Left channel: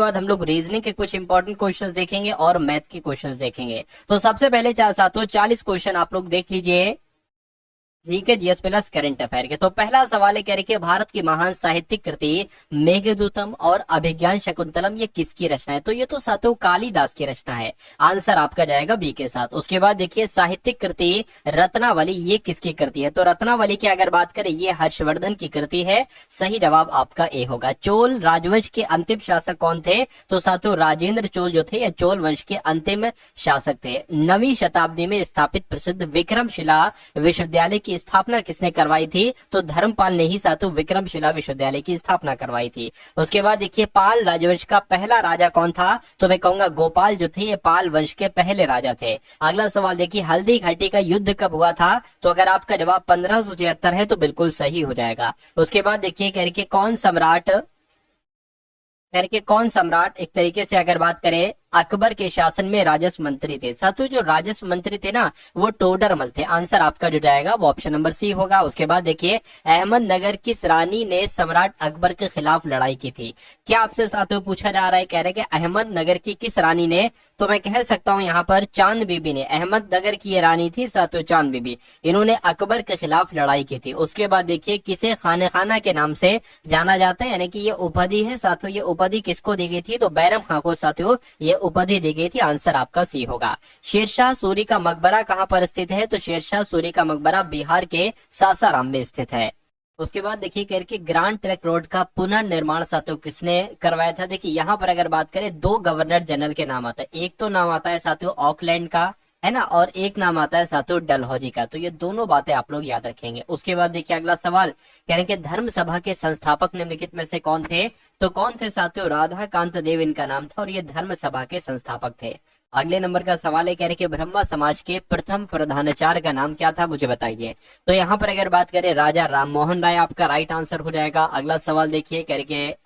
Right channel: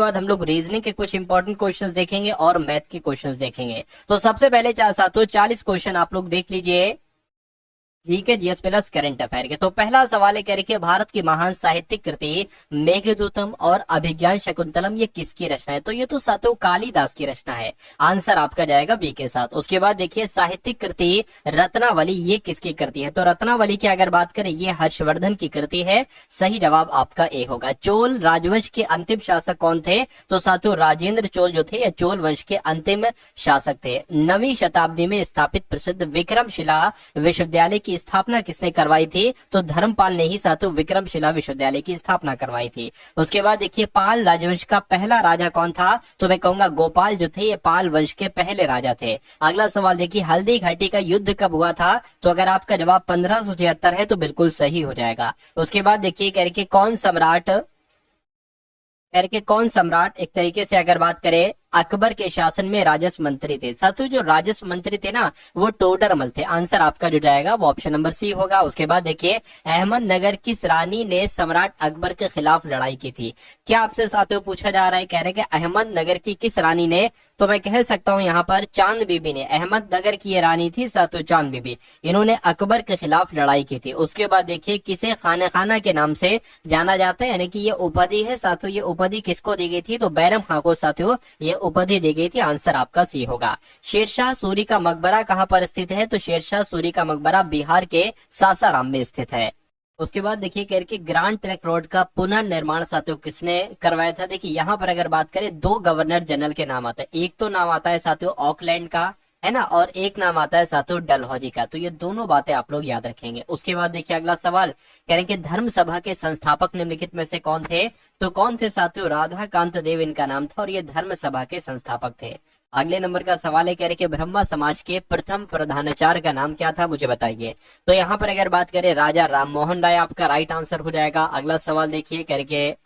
बाद हम लोग रीजनिंग के कुछ इंपॉर्टेंट क्वेश्चंस देखेंगे और मैथ के क्वेश्चंस देखेंगे। तो सबसे पहले साथियों 40 क्वेश्चन आप लोग देख लीजिए, ठीक है, जीएस प्लस करंट अफेयर के। तो पहला सवाल है, कह रहे कि भारत की महान साहित्यिक कृति मेघदूतम और अभिज्ञान शकुंतलम ये किसकी रचना है? तो ये तो साथियों कालिदास की रचना है। आंसर आपका जाएगा बी के साथ। उसके बाद देखिए साहित्यिक कृति रत्नावली ये किसकी कृति है? तो रत्नावली की अगर बात करें ये हर्षवर्धन की कृति है। सही जवाब आपका ए होगा। चोल राजवंश के अंतिम शासक कौन थे? तो साथियों राजेंद्र चोल जो थे, या चोल वंश के अंतिम शासक थे। 9वीं शताब्दी में स्थापित प्रसिद्ध विक्रमशिला विश्वविद्यालय की स्थापना किसने करवाई थी? तो धर्मपाल ने ही साथियों विक्रमशिला विश्वविद्यालय की स्थापना करवाई थी। उसके बाद देखिए पाल राजवंश का पहला राजा कौन था? तो मैं कहूंगा गोपाल जो थे ये पाल वंश के पहले राजा थे। अगला सवाल देखिए हल्दी घाटी का युद्ध कब हुआ था? तो अगर आपका जवाब 1573 है तो बिल्कुल सही हो जाएगा। उसके बाद देखिए कह रहे कौन सम्राट एक तरीके से अगर बात करें अकबर के शासन में राजस्व मंत्री थे। साथियों जो राजस्व मंत्री थे ना वो टोडरमल थे। आंसर आपका जो जाएगा वो ऑप्शन नंबर सी होगा। उसके बाद देखिए अहमदनगर किस रानी ने सम्राट अकबर के खिलाफ लड़ाई की थी? क्या आपसे साथियों पूछा जा रहा है, कह रहे कि अहमदनगर की किस रानी ने? तो मैं कह सकता हूँ यहाँ पर चांद बीबी ने। अहमदनगर की ये रानी थी साथियों चांद बीबी, इन्होंने अकबर के खिलाफ लड़ाई की थी। उसके बाद देखिए किसे खाने खाना के नाम से जाना जाता है, यानी कि ये उपाधि है साथियों, ये उपाधि किसको दी गई थी? तो बैरम खां को साथियों ये उपाधि दी गई थी। आंसर आपका सी होगा। शेरशाह सूरी का मकबरा कहां पर स्थित है? तो शेरशाह सूरी का मकबरा बिहार के सासाराम में स्थित है। उसके बाद देखिए कह के ग्रांड ट्रंक रोड का पुनर्निर्माण साथियों किसने करवाया था? देखिए यहाँ पर अगर बात करें दो गवर्नर जनरल के नाम आते हैं। एक तो नाम आता है साथियों ऑकलैंड का, है ना, और एक नाम आता है साथियों डलहौजी का। तो ये दोनों बातें आप लोग याद रखेंगे। उसके बाद देखिए अगला सवाल कह रहे हैं धर्म सभा के संस्थापक निम्नलिखित में से कौन थे? तो कौन थे साथियों? राधा कांत देव इनका नाम था और ये धर्म सभा के संस्थापक थे। अगले नंबर का सवाल है, कह रहे कि ब्रह्मा समाज के प्रथम प्रधानाचार्य का नाम क्या था? मुझे बताइए। तो यहाँ पर अगर बात करें राजा राममोहन राय आपका राइट आंसर हो जाएगा। अगला सवाल देखिए कह रहे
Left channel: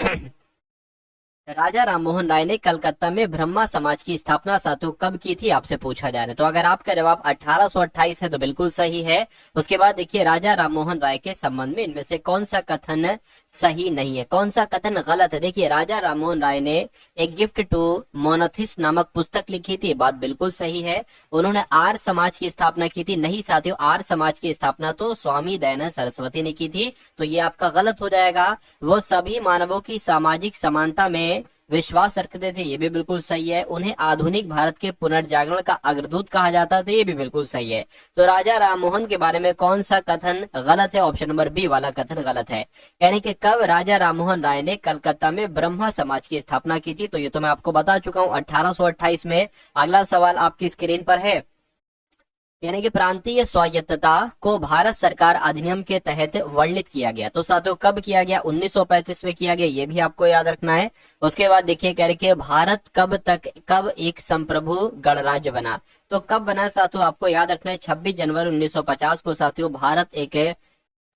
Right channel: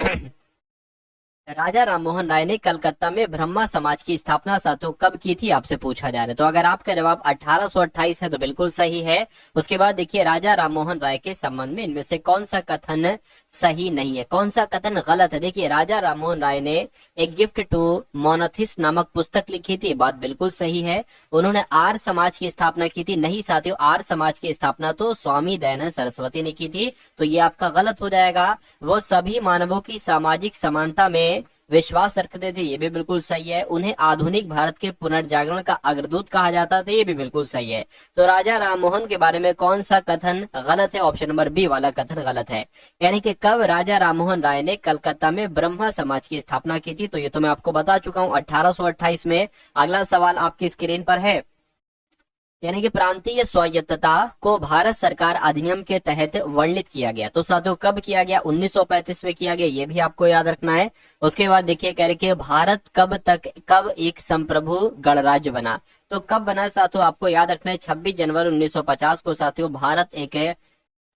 राजा राममोहन राय ने कलकत्ता में ब्रह्मा समाज की स्थापना साथियों कब की थी? आपसे पूछा जा रहा है। तो अगर आपका जवाब 1828 है तो बिल्कुल सही है। उसके बाद देखिए राजा राममोहन राय के संबंध में इनमें से कौन सा कथन सही नहीं है, कौन सा कथन गलत है? देखिए राजा राममोहन राय ने एक गिफ्ट टू मोनाथिस नामक पुस्तक लिखी थी, बात बिल्कुल सही है। उन्होंने आर्य समाज की स्थापना की थी, नहीं साथियों, आर्य समाज की स्थापना तो स्वामी दयानंद सरस्वती ने की थी। तो ये आपका गलत हो जाएगा। वो सभी मानवों की सामाजिक समानता में विश्वास रखते थे, ये भी बिल्कुल सही है। उन्हें आधुनिक भारत के पुनर्जागरण का अग्रदूत कहा जाता था, ये भी बिल्कुल सही है। तो राजा राममोहन के बारे में कौन सा कथन गलत है? ऑप्शन नंबर बी वाला कथन गलत है। यानी कि कब राजा राममोहन राय ने कलकत्ता में ब्रह्मा समाज की स्थापना की थी? तो ये तो मैं आपको बता चुका हूँ 1828 में। अगला सवाल आपकी स्क्रीन पर है, यानी कि प्रांतीय स्वायत्तता को भारत सरकार अधिनियम के तहत वर्णित किया गया। तो साथियों कब किया गया? 1935 में किया गया, ये भी आपको याद रखना है। उसके बाद देखिए कह रहे कि भारत कब एक संप्रभु गणराज्य बना? तो कब बना साथियों आपको याद रखना है, 26 जनवरी 1950 को साथियों भारत एक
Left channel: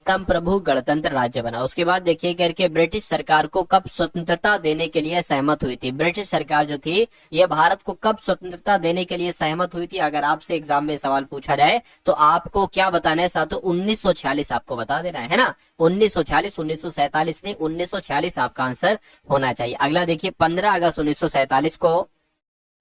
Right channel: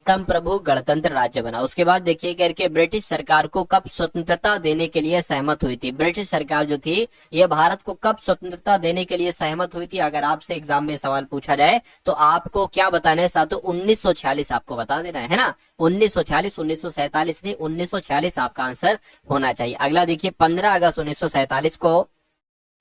संप्रभु गणतंत्र राज्य बना। उसके बाद देखिए करके ब्रिटिश सरकार को कब स्वतंत्रता देने के लिए सहमत हुई थी? ब्रिटिश सरकार जो थी ये भारत को कब स्वतंत्रता देने के लिए सहमत हुई थी? अगर आपसे एग्जाम में सवाल पूछा जाए तो आपको क्या बताना है साथियों? 1946 आपको बता देना है ना। 1946, 1947 नहीं, 1946 आपका आंसर होना चाहिए। अगला देखिए 15 अगस्त 1947 को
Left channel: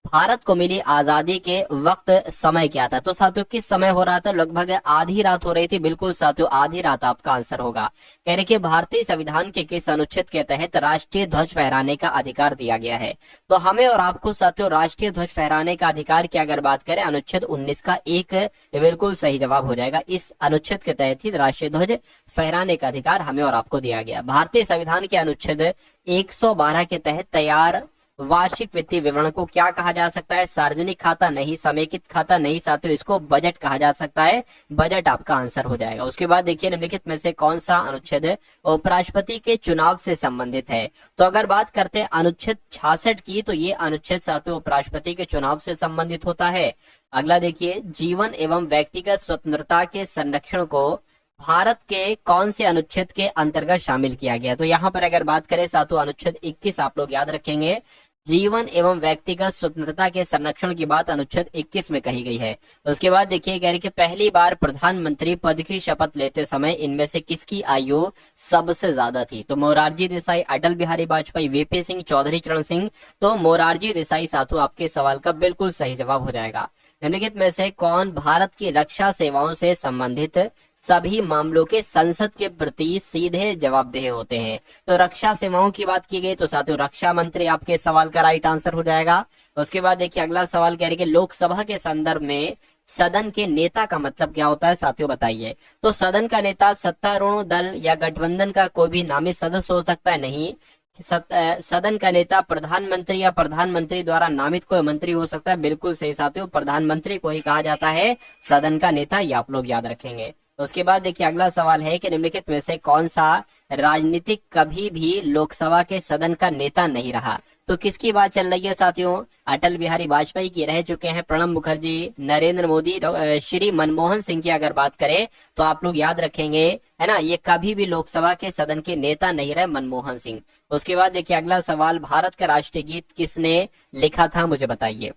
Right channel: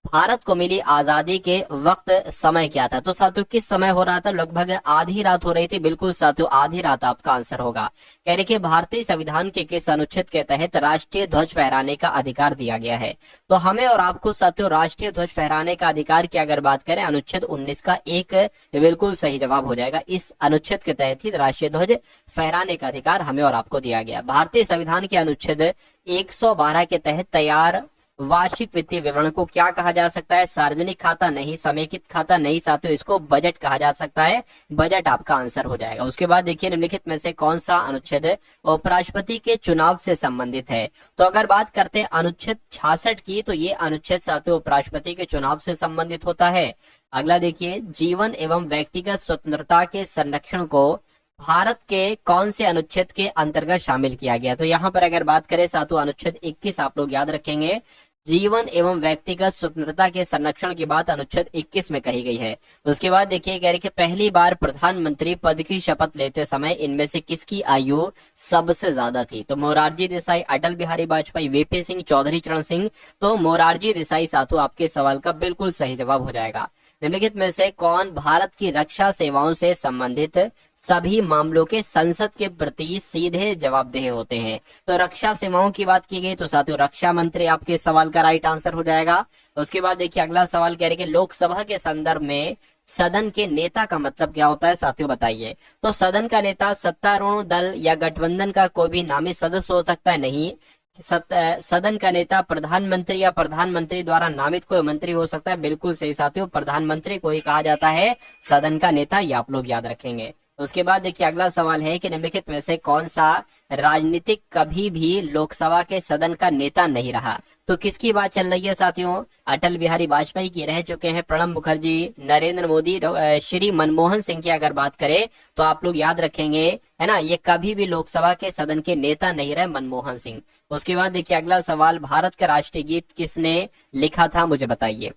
भारत को मिली आजादी के वक्त समय क्या था? तो साथियों किस समय हो रहा था? लगभग आधी रात हो रही थी। बिल्कुल साथियों आधी रात आपका आंसर होगा। कह रहे कि भारतीय संविधान के किस अनुच्छेद के तहत राष्ट्रीय ध्वज फहराने का अधिकार दिया गया है? तो हमें और आपको साथियों राष्ट्रीय ध्वज फहराने का अधिकार की अगर बात करें अनुच्छेद 19 का एक बिल्कुल सही जवाब हो जाएगा। इस अनुच्छेद के तहत ही राष्ट्रीय ध्वज फहराने का अधिकार हमें और आपको दिया गया। भारतीय संविधान के अनुच्छेद 112 के तहत तैयार वार्षिक वित्तीय विवरण को क्या कहा जा सकता है? सार्वजनिक खाता नहीं, समेकित खाता नहीं साथियों, इसको बजट कहा जा सकता है। बजट आपका आंसर हो जाएगा। उसके बाद देखिए निम्नलिखित में से कौन सा अनुच्छेद उपराष्ट्रपति के चुनाव से संबंधित है? तो अगर बात करते हैं अनुच्छेद 66 की, तो ये अनुच्छेद साथियों उपराष्ट्रपति के चुनाव से संबंधित होता है। अगला देखिए जीवन एवं व्यक्तिगत स्वतंत्रता के संरक्षण को भारत के कौन से अनुच्छेद के अंतर्गत शामिल किया गया? तो यहाँ पर अगर बात करें साथियों अनुच्छेद 21 आप लोग याद रखेंगे। जीवन एवं व्यक्तिगत स्वतंत्रता के संरक्षण की बात अनुच्छेद 21 में कही गई है। उसके बाद देखिए कह रहे कि पहली बार प्रधानमंत्री पद की शपथ लेते समय इनमें से किसकी आयु सबसे ज्यादा थी? तो मोरारजी देसाई, अटल बिहारी वाजपेयी, वीपी सिंह, चौधरी चरण सिंह। तो मोरारजी देसाई साथों आपके सवाल का बिल्कुल सही जवाब हो जाएगा। निम्नलिखित में से कौन भारत की रक्षा सेवाओं से संबंधित सभी मामलों के संसद के प्रति सीधे जवाबदेह होते हैं? तो रक्षा सेवाओं की बात की गई तो साथियों रक्षा मंत्री आपके सवाल का राइट आंसर हो जाएगा। उसके बाद देखिए अगला सवाल कह रहे कि लोकसभा के संदर्भ में सदन के नेता का मतलब क्या होता है साथियों बताइए। तो सदन का नेता सत्तारूढ़ दल या गठबंधन का कोई भी नामित सदस्य हो सकता है? नहीं। सदन का नेता प्रधानमंत्री या प्रधानमंत्री द्वारा नामित कोई मंत्री हो सकता है? बिल्कुल सही साथियों, प्रधानमंत्री को ही कहा जाता है सदन का नेता, ये आप लोग याद रखेंगे। उसके बाद देखिए अगला सवाल है कि निम्नलिखित में से कौन सा राजनीतिक कभी भी लोकसभा के सदन का नेता नहीं रहा? तो किसकी बात चल रही है साथियों? अटल बिहारी वाजपेयी की रह चुके हैं, प्रणब मुखर्जी, नरेंद्र मोदी, श्री मनमोहन सिंह की अगर बात करें तो आप लोग याद रखेंगे है ना, ये कभी भी लोकसभा के सदन के नेता नहीं रहे, मनमोहन सिंह। उसके बाद देखिए अगला सवाल, भारत का राष्ट्रीय गीत किसने लिखा था मुझे बताइए।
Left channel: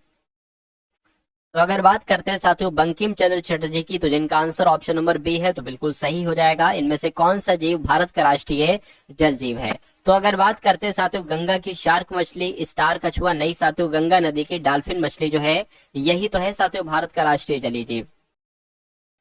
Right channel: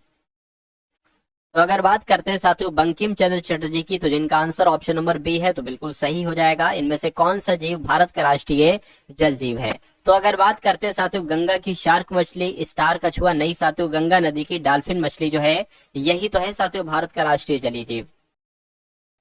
तो अगर बात करते हैं साथियों बंकिम चंद्र चटर्जी की, तो जिनका आंसर ऑप्शन नंबर बी है तो बिल्कुल सही हो जाएगा। इनमें से कौन सा जीव भारत का राष्ट्रीय जल जीव है? तो अगर बात करते हैं साथियों गंगा की शार्क मछली, स्टार कछुआ, नहीं साथियों गंगा नदी की डॉल्फिन मछली जो है यही तो है साथियों भारत का राष्ट्रीय जलीय जीव।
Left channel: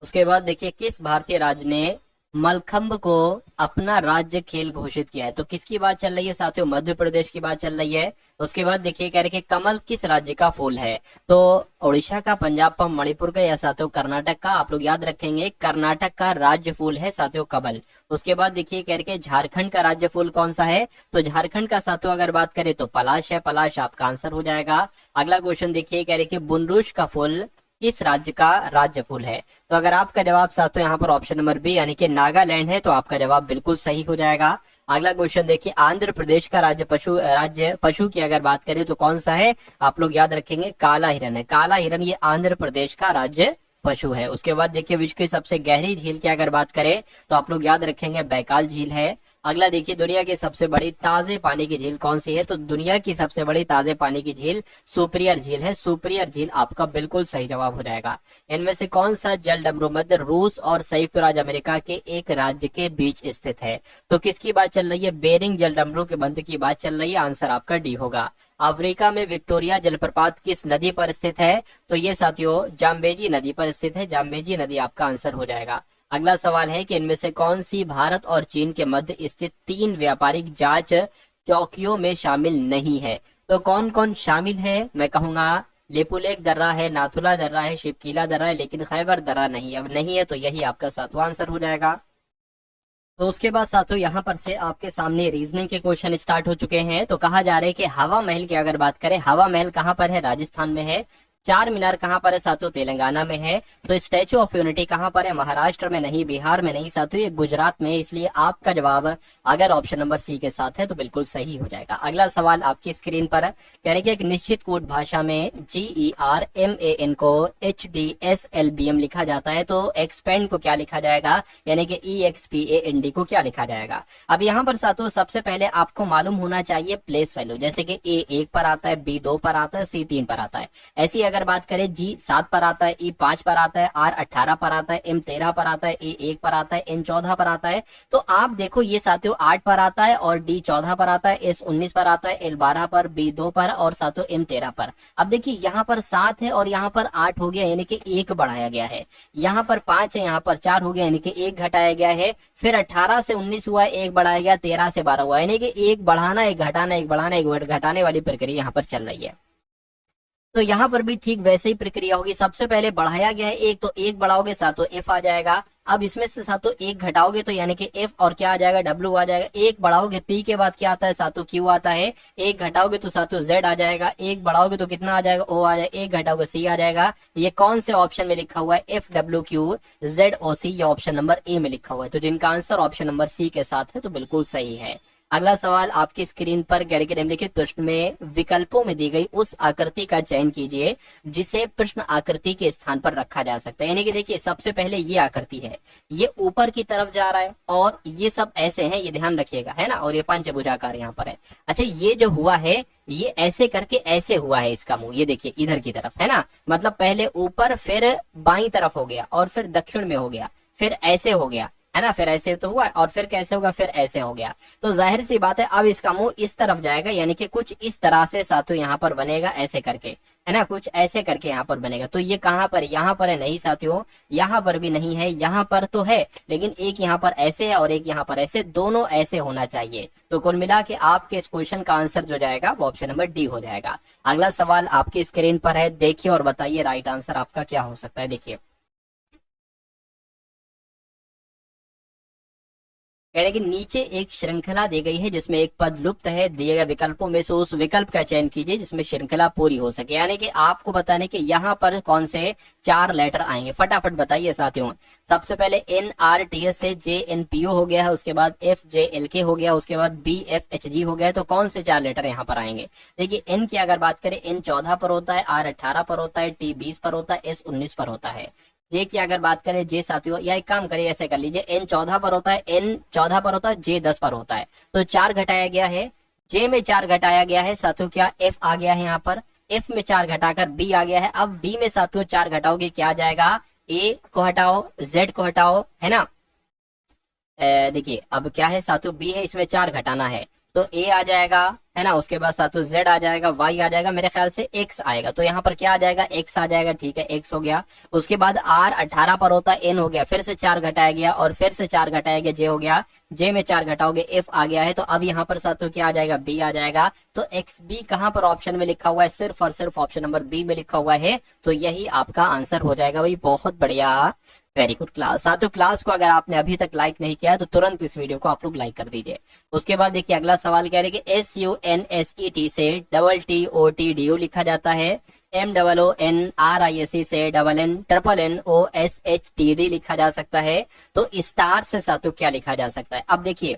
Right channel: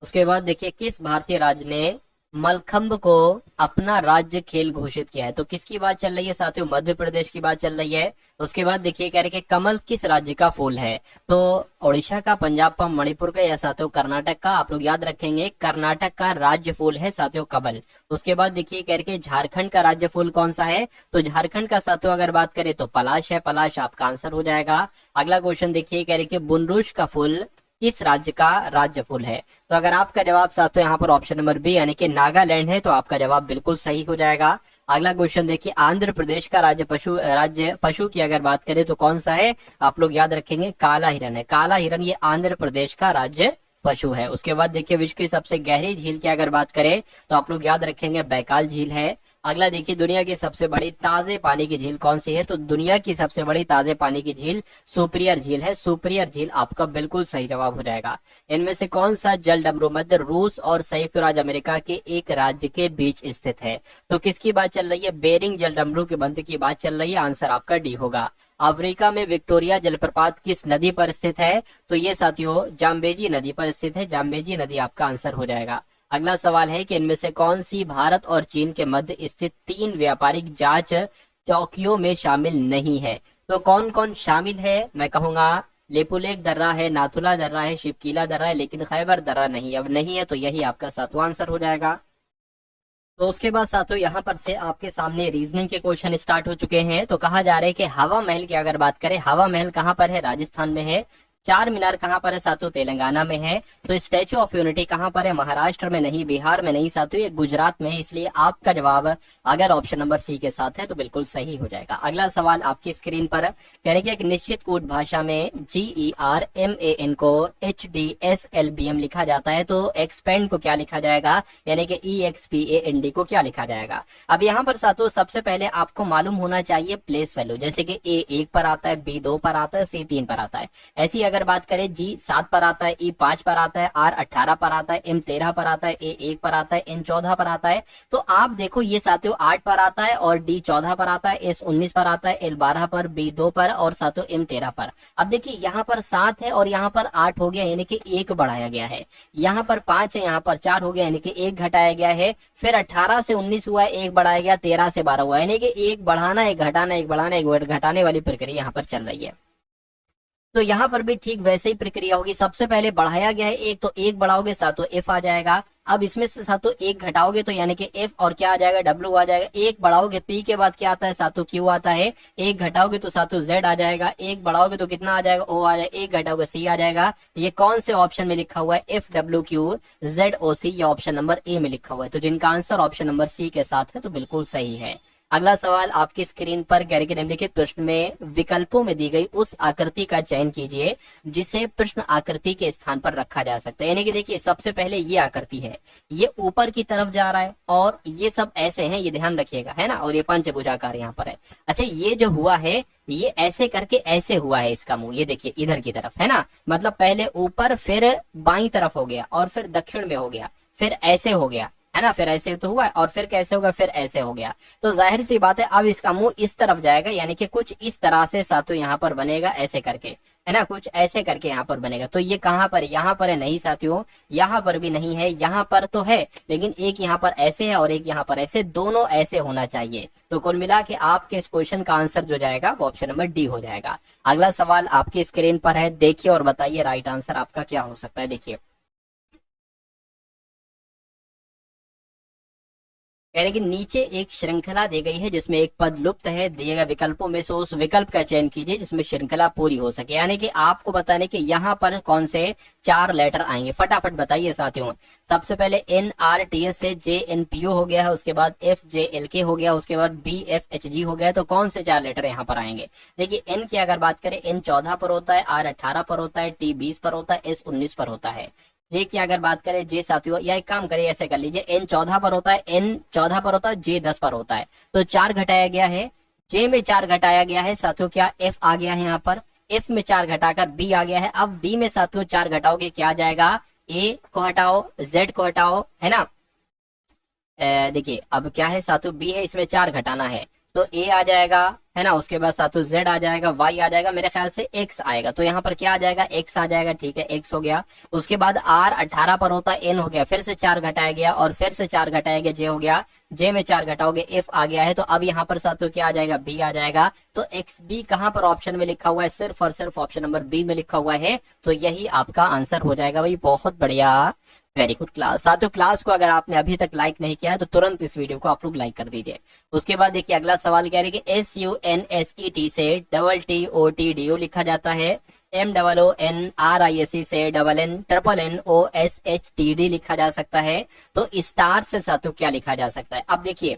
उसके बाद देखिए किस भारतीय राज्य ने मलखंभ को अपना राज्य खेल घोषित किया है? तो किसकी बात चल रही है साथियों? मध्य प्रदेश की बात चल रही है। उसके बाद देखिए कह रहे कि कमल किस राज्य का फूल है? तो ओडिशा का, पंजाब का, मणिपुर का या साथियों कर्नाटक का? आप लोग याद रखेंगे कर्नाटक का राज्य फूल है साथियों कमल। उसके बाद देखिए कह रहे झारखंड का राज्य फूल कौन सा है? तो झारखंड का साथियों अगर बात करें तो पलाश है, पलाश आपका आंसर हो जाएगा। अगला क्वेश्चन देखिए कह रहे कि बुनरूष का फूल किस राज्य का राज्य फूल है? तो अगर आपका जवाब साथियों यहाँ पर ऑप्शन नंबर बी यानी कि नागालैंड है तो आपका जवाब बिल्कुल सही हो जाएगा। अगला क्वेश्चन देखिए आंध्र प्रदेश का राज्य पशु की अगर बात करें तो कौन सा है? आप लोग याद रखेंगे काला हिरन है। काला हिरन ये आंध्र प्रदेश का राज्य पशु है। उसके बाद देखिए विश्व की सबसे गहरी झील की अगर बात करें तो आप लोग याद रखेंगे बैकाल झील है। अगला देखिए दुनिया की सबसे बड़ी ताजे पानी की झील कौन सी है? तो दुनिया की सबसे बड़ी ताजे पानी की झील सुपिरियर झील है। सुपिरियर झील आपका बिल्कुल सही जवाब हो जाएगा। इनमें से कौन सा जल डमरू मध्य रूस और संयुक्त राज्य अमेरिका के एक राज्य के बीच स्थित है? तो किसकी बात चल रही है? बेरिंग जल डमरू के बंद की बात चल रही है। आंसर आपका डी होगा। अफ्रीका में विक्टोरिया जलप्रपात किस नदी पर स्थित है? तो ये साथियों जाम्बेजी नदी पर स्थित है। जाम्बेजी नदी आपका आंसर हो जाएगा। अगला सवाल है कि इनमें से कौन सी भारत और चीन के मध्य स्थित 3 व्यापारिक जांच चौकियों में शामिल नहीं है? तो कौन कौन शामिल है? मैं कहूंगा लेपुलेख दर्रा है, नाथुला दर्रा है, शिवकीला दर्रा है, लेकिन खैबर दर्रा नहीं। अब नहीं है तो यही आपका 7वां आंसर हो जाएगा। तो उसके बाद साथियों यहाँ पर से आपके सामने रीजनिंग के क्वेश्चन स्टार्ट हो चुके हैं। तो कहा जा रहा है कि हवा महल की अगर बात करें, हवा महल कहाँ पर है? राजस्थान में है। चार मीनार कहाँ पर है साथियों? तेलंगाना में है। तो स्टैचू ऑफ यूनिटी कहाँ पर है? महाराष्ट्र में नहीं, बिहार में नहीं साथियों, ये गुजरात में है। इसलिए आपका जवाब अगर ऑप्शन नंबर सी के साथ है तो बिल्कुल सही हो जाएगा। अगला सवाल आपकी स्क्रीन पर कह रहे कि एक निश्चित कोड भाषा में GERMAN को HDSLBM लिखा जाता है, तो एक्सपेंड को क्या लिखा जाएगा? यानी कि EXPAND को क्या लिखा जाएगा? अब यहाँ पर साथियों सबसे पहले आपको मालूम होना चाहिए प्लेस वैल्यू, जैसे कि A 1 पर आता है, B 2 पर आता है, C 3 पर आता है। ऐसी अगर बात करें G 7 पर आता है, E 5 पर आता है, R 18 पर आता है, M 13 पर आता है, A 1 पर आता है, N 14 पर आता है। तो आप देखो ये साथियों 8 पर आता है और D 14 पर आता है, S 19 पर आता है, L 12 पर, B 2 पर और साथियों M 13 पर। अब देखिए यहाँ पर 7 है और यहाँ पर 8 हो गया, यानी कि 1 बढ़ाया गया है। यहाँ पर 5 है, यहाँ पर 4 हो गया, यानी कि 1 घटाया गया है। फिर 18 से 19 हुआ, 1 बढ़ाया गया, 13 से 12 हुआ, यानी कि 1 बढ़ाना, 1 घटाना, 1 बढ़ाना, 1 घटाने वाली प्रक्रिया यहाँ पर चल रही है। तो यहाँ पर भी ठीक वैसे ही प्रक्रिया होगी। सबसे पहले बढ़ाया गया है 1, तो 1 बढ़ाओगे साथियों F आ जाएगा। अब इसमें से साथियों 1 घटाओगे तो यानी कि F और क्या आ जाएगा? W आ जाएगा। 1 बढ़ाओगे P के बाद क्या आता है साथियों? Q आता है। 1 घटाओगे तो साथियों Z आ जाएगा। 1 बढ़ाओगे तो कितना आ जाएगा? O आ जाएगा। 1 घटाओगे C आ जाएगा। ये कौन से ऑप्शन में लिखा हुआ है? FWQZOC, ये ऑप्शन नंबर ए में लिखा हुआ है। तो जिनका आंसर ऑप्शन नंबर सी के साथ है तो बिल्कुल सही है। अगला सवाल आपकी स्क्रीन पर यानी कि निम्नलिखित प्रश्न में विकल्पों में दी गई उस आकृति का चयन कीजिए जिसे प्रश्न आकृति के स्थान पर रखा जा सकता है। यानी कि देखिए सबसे पहले ये आकृति है, ये ऊपर की तरफ जा रहा है और ये सब ऐसे हैं, ये ध्यान रखिएगा, है ना, और ये पंचभुजाकार यहाँ पर है। अच्छा ये जो हुआ है ये ऐसे करके ऐसे हुआ है इसका मुंह, ये देखिए इधर की तरफ, है ना, मतलब पहले ऊपर फिर बाई तरफ हो गया और फिर दक्षिण में हो गया, फिर ऐसे हो गया, है ना, फिर ऐसे तो हुआ और फिर कैसे होगा, फिर ऐसे हो गया। तो जाहिर सी बात है अब इसका मुंह इस तरफ जाएगा, यानी कि कुछ इस तरह से साथियों यहाँ पर बनेगा ऐसे करके, है ना, कुछ ऐसे करके यहाँ पर बनेगा। तो ये कहाँ पर है, यहाँ पर है नहीं साथियों, यहाँ पर भी नहीं है, यहाँ पर तो है लेकिन एक यहाँ पर ऐसे है और एक यहाँ पर ऐसे, दोनों ऐसे होना चाहिए। तो कुल मिला के आपके इस क्वेश्चन का आंसर जो जाएगा वो ऑप्शन नंबर डी हो जाएगा। अगला सवाल आपकी स्क्रीन पर है, देखिए और बताइए राइट आंसर आपका क्या हो सकता है। देखिए यानी कि नीचे एक श्रृंखला दी गई है जिसमें एक पद लुप्त है, दिए गए विकल्पों में से उस विकल्प का चयन कीजिए जिसमें श्रृंखला पूरी हो सके। यानी कि आपको बताने कि यहाँ पर कौन से 4 लेटर आएंगे, फटाफट बताइए साथियों। सबसे पहले NRTS से JNPO हो गया है, उसके बाद FJLK हो गया, उसके बाद BFHG हो गया, तो कौन से 4 लेटर यहाँ पर आएंगे। देखिए N की अगर बात करें, N 14 पर होता है, R 18 पर होता है, T 20 पर होता है, S 19 पर होता है। जे की अगर बात करें, जे साथियों या एक काम करिए ऐसे कर लीजिए, N 14 पर होता है, N 14 पर होता है, J 10 पर होता है, तो 4 घटाया गया है, J में 4 घटाया गया है साथियों, क्या F आ गया है यहाँ पर, F में 4 घटाकर B आ गया है। अब B में साथियों 4 घटाओगे क्या आ जाएगा, A को हटाओ, Z को हटाओ, है ना, देखिए अब क्या है साथियों, B है इसमें 4 घटाना है तो A आ जाएगा, है ना, उसके बाद साथियों Z आ जाएगा, Y आ जाएगा, मेरे ख्याल से X आएगा, तो यहाँ पर क्या आ जाएगा, X आ जाएगा, ठीक है X हो गया। उसके बाद R 18 पर होता है, N हो गया, फिर से 4 घटाया गया और फिर से 4 घटाया गया, J हो गया, J में 4 घटाओगे F आ गया है, तो अब यहाँ पर साथियों क्या आ जाएगा, B आ जाएगा। तो XB कहाँ पर ऑप्शन में लिखा हुआ है, सिर्फ और सिर्फ ऑप्शन नंबर B में लिखा हुआ है, तो यही आपका आंसर हो जाएगा भाई। बहुत बढ़िया, वेरी गुड क्लास। साथियों क्लास को अगर आपने अभी तक लाइक नहीं किया है तो तुरंत इस वीडियो को आप लोग लाइक कर दीजिए। उसके बाद देखिए अगला सवाल क्या है कि SUNSET से TTOTDO लिखा जाता है, MOONRISE से NNOSHTD लिखा जा सकता है, तो स्टार से साथियों क्या लिखा जा सकता है। अब देखिए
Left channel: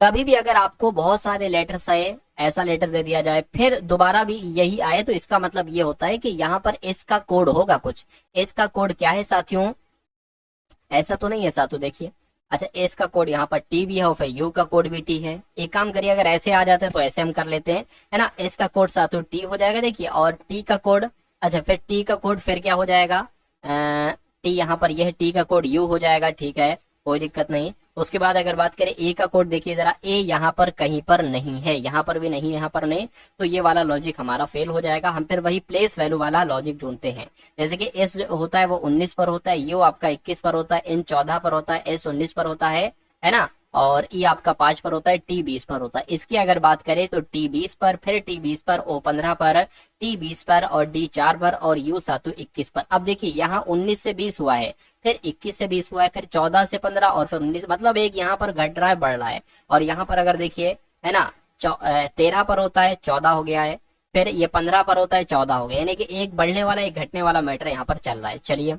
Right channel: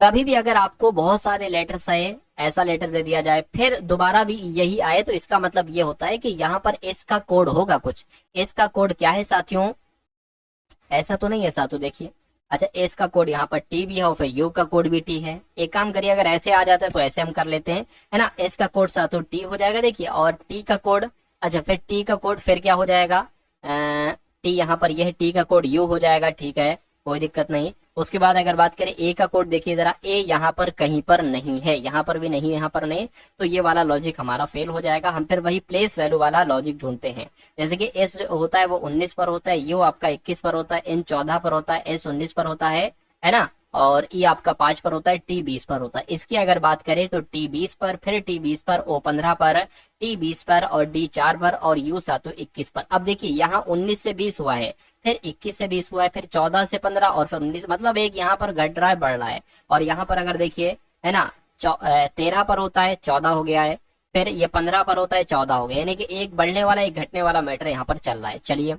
कभी भी अगर आपको बहुत सारे लेटर्स आए, ऐसा लेटर दे दिया जाए फिर दोबारा भी यही आए, तो इसका मतलब ये होता है कि यहाँ पर इसका कोड होगा कुछ। इसका कोड क्या है साथियों, ऐसा तो नहीं है साथियों, देखिए अच्छा एस का कोड यहाँ पर टी भी है और फिर यू का कोड भी टी है। एक काम करिए अगर ऐसे आ जाता है तो ऐसे हम कर लेते हैं, है ना, एस का कोड साथियों टी हो जाएगा, देखिए, और टी का कोड, अच्छा फिर टी का कोड फिर क्या हो जाएगा, टी यहाँ पर यह टी का कोड यू हो जाएगा, ठीक है कोई दिक्कत नहीं। उसके बाद अगर बात करें ए का कोड, देखिए जरा ए यहाँ पर कहीं पर नहीं है, यहाँ पर भी नहीं, यहाँ पर नहीं, तो ये वाला लॉजिक हमारा फेल हो जाएगा। हम फिर वही प्लेस वैल्यू वाला लॉजिक ढूंढते हैं, जैसे कि एस होता है वो 19 पर होता है, यू आपका 21 पर होता है, एन 14 पर होता है, एस 19 पर होता है ना, और ई आपका 5 पर होता है, टी 20 पर होता है। इसकी अगर बात करें तो टी 20 पर, फिर टी 20 पर, ओ 15 पर, टी 20 पर और डी 4 पर और यू सातों 21 पर। अब देखिए यहाँ 19 से 20 हुआ है, फिर 21 से 20 हुआ है, फिर 14 से 15 और फिर 19, मतलब एक यहाँ पर घट रहा है बढ़ रहा है। और यहाँ पर अगर देखिए, है ना, 13 पर होता है 14 हो गया है, फिर ये 15 पर होता है 14 हो गया, यानी कि एक बढ़ने वाला एक घटने वाला मैटर यहाँ पर चल रहा है। चलिए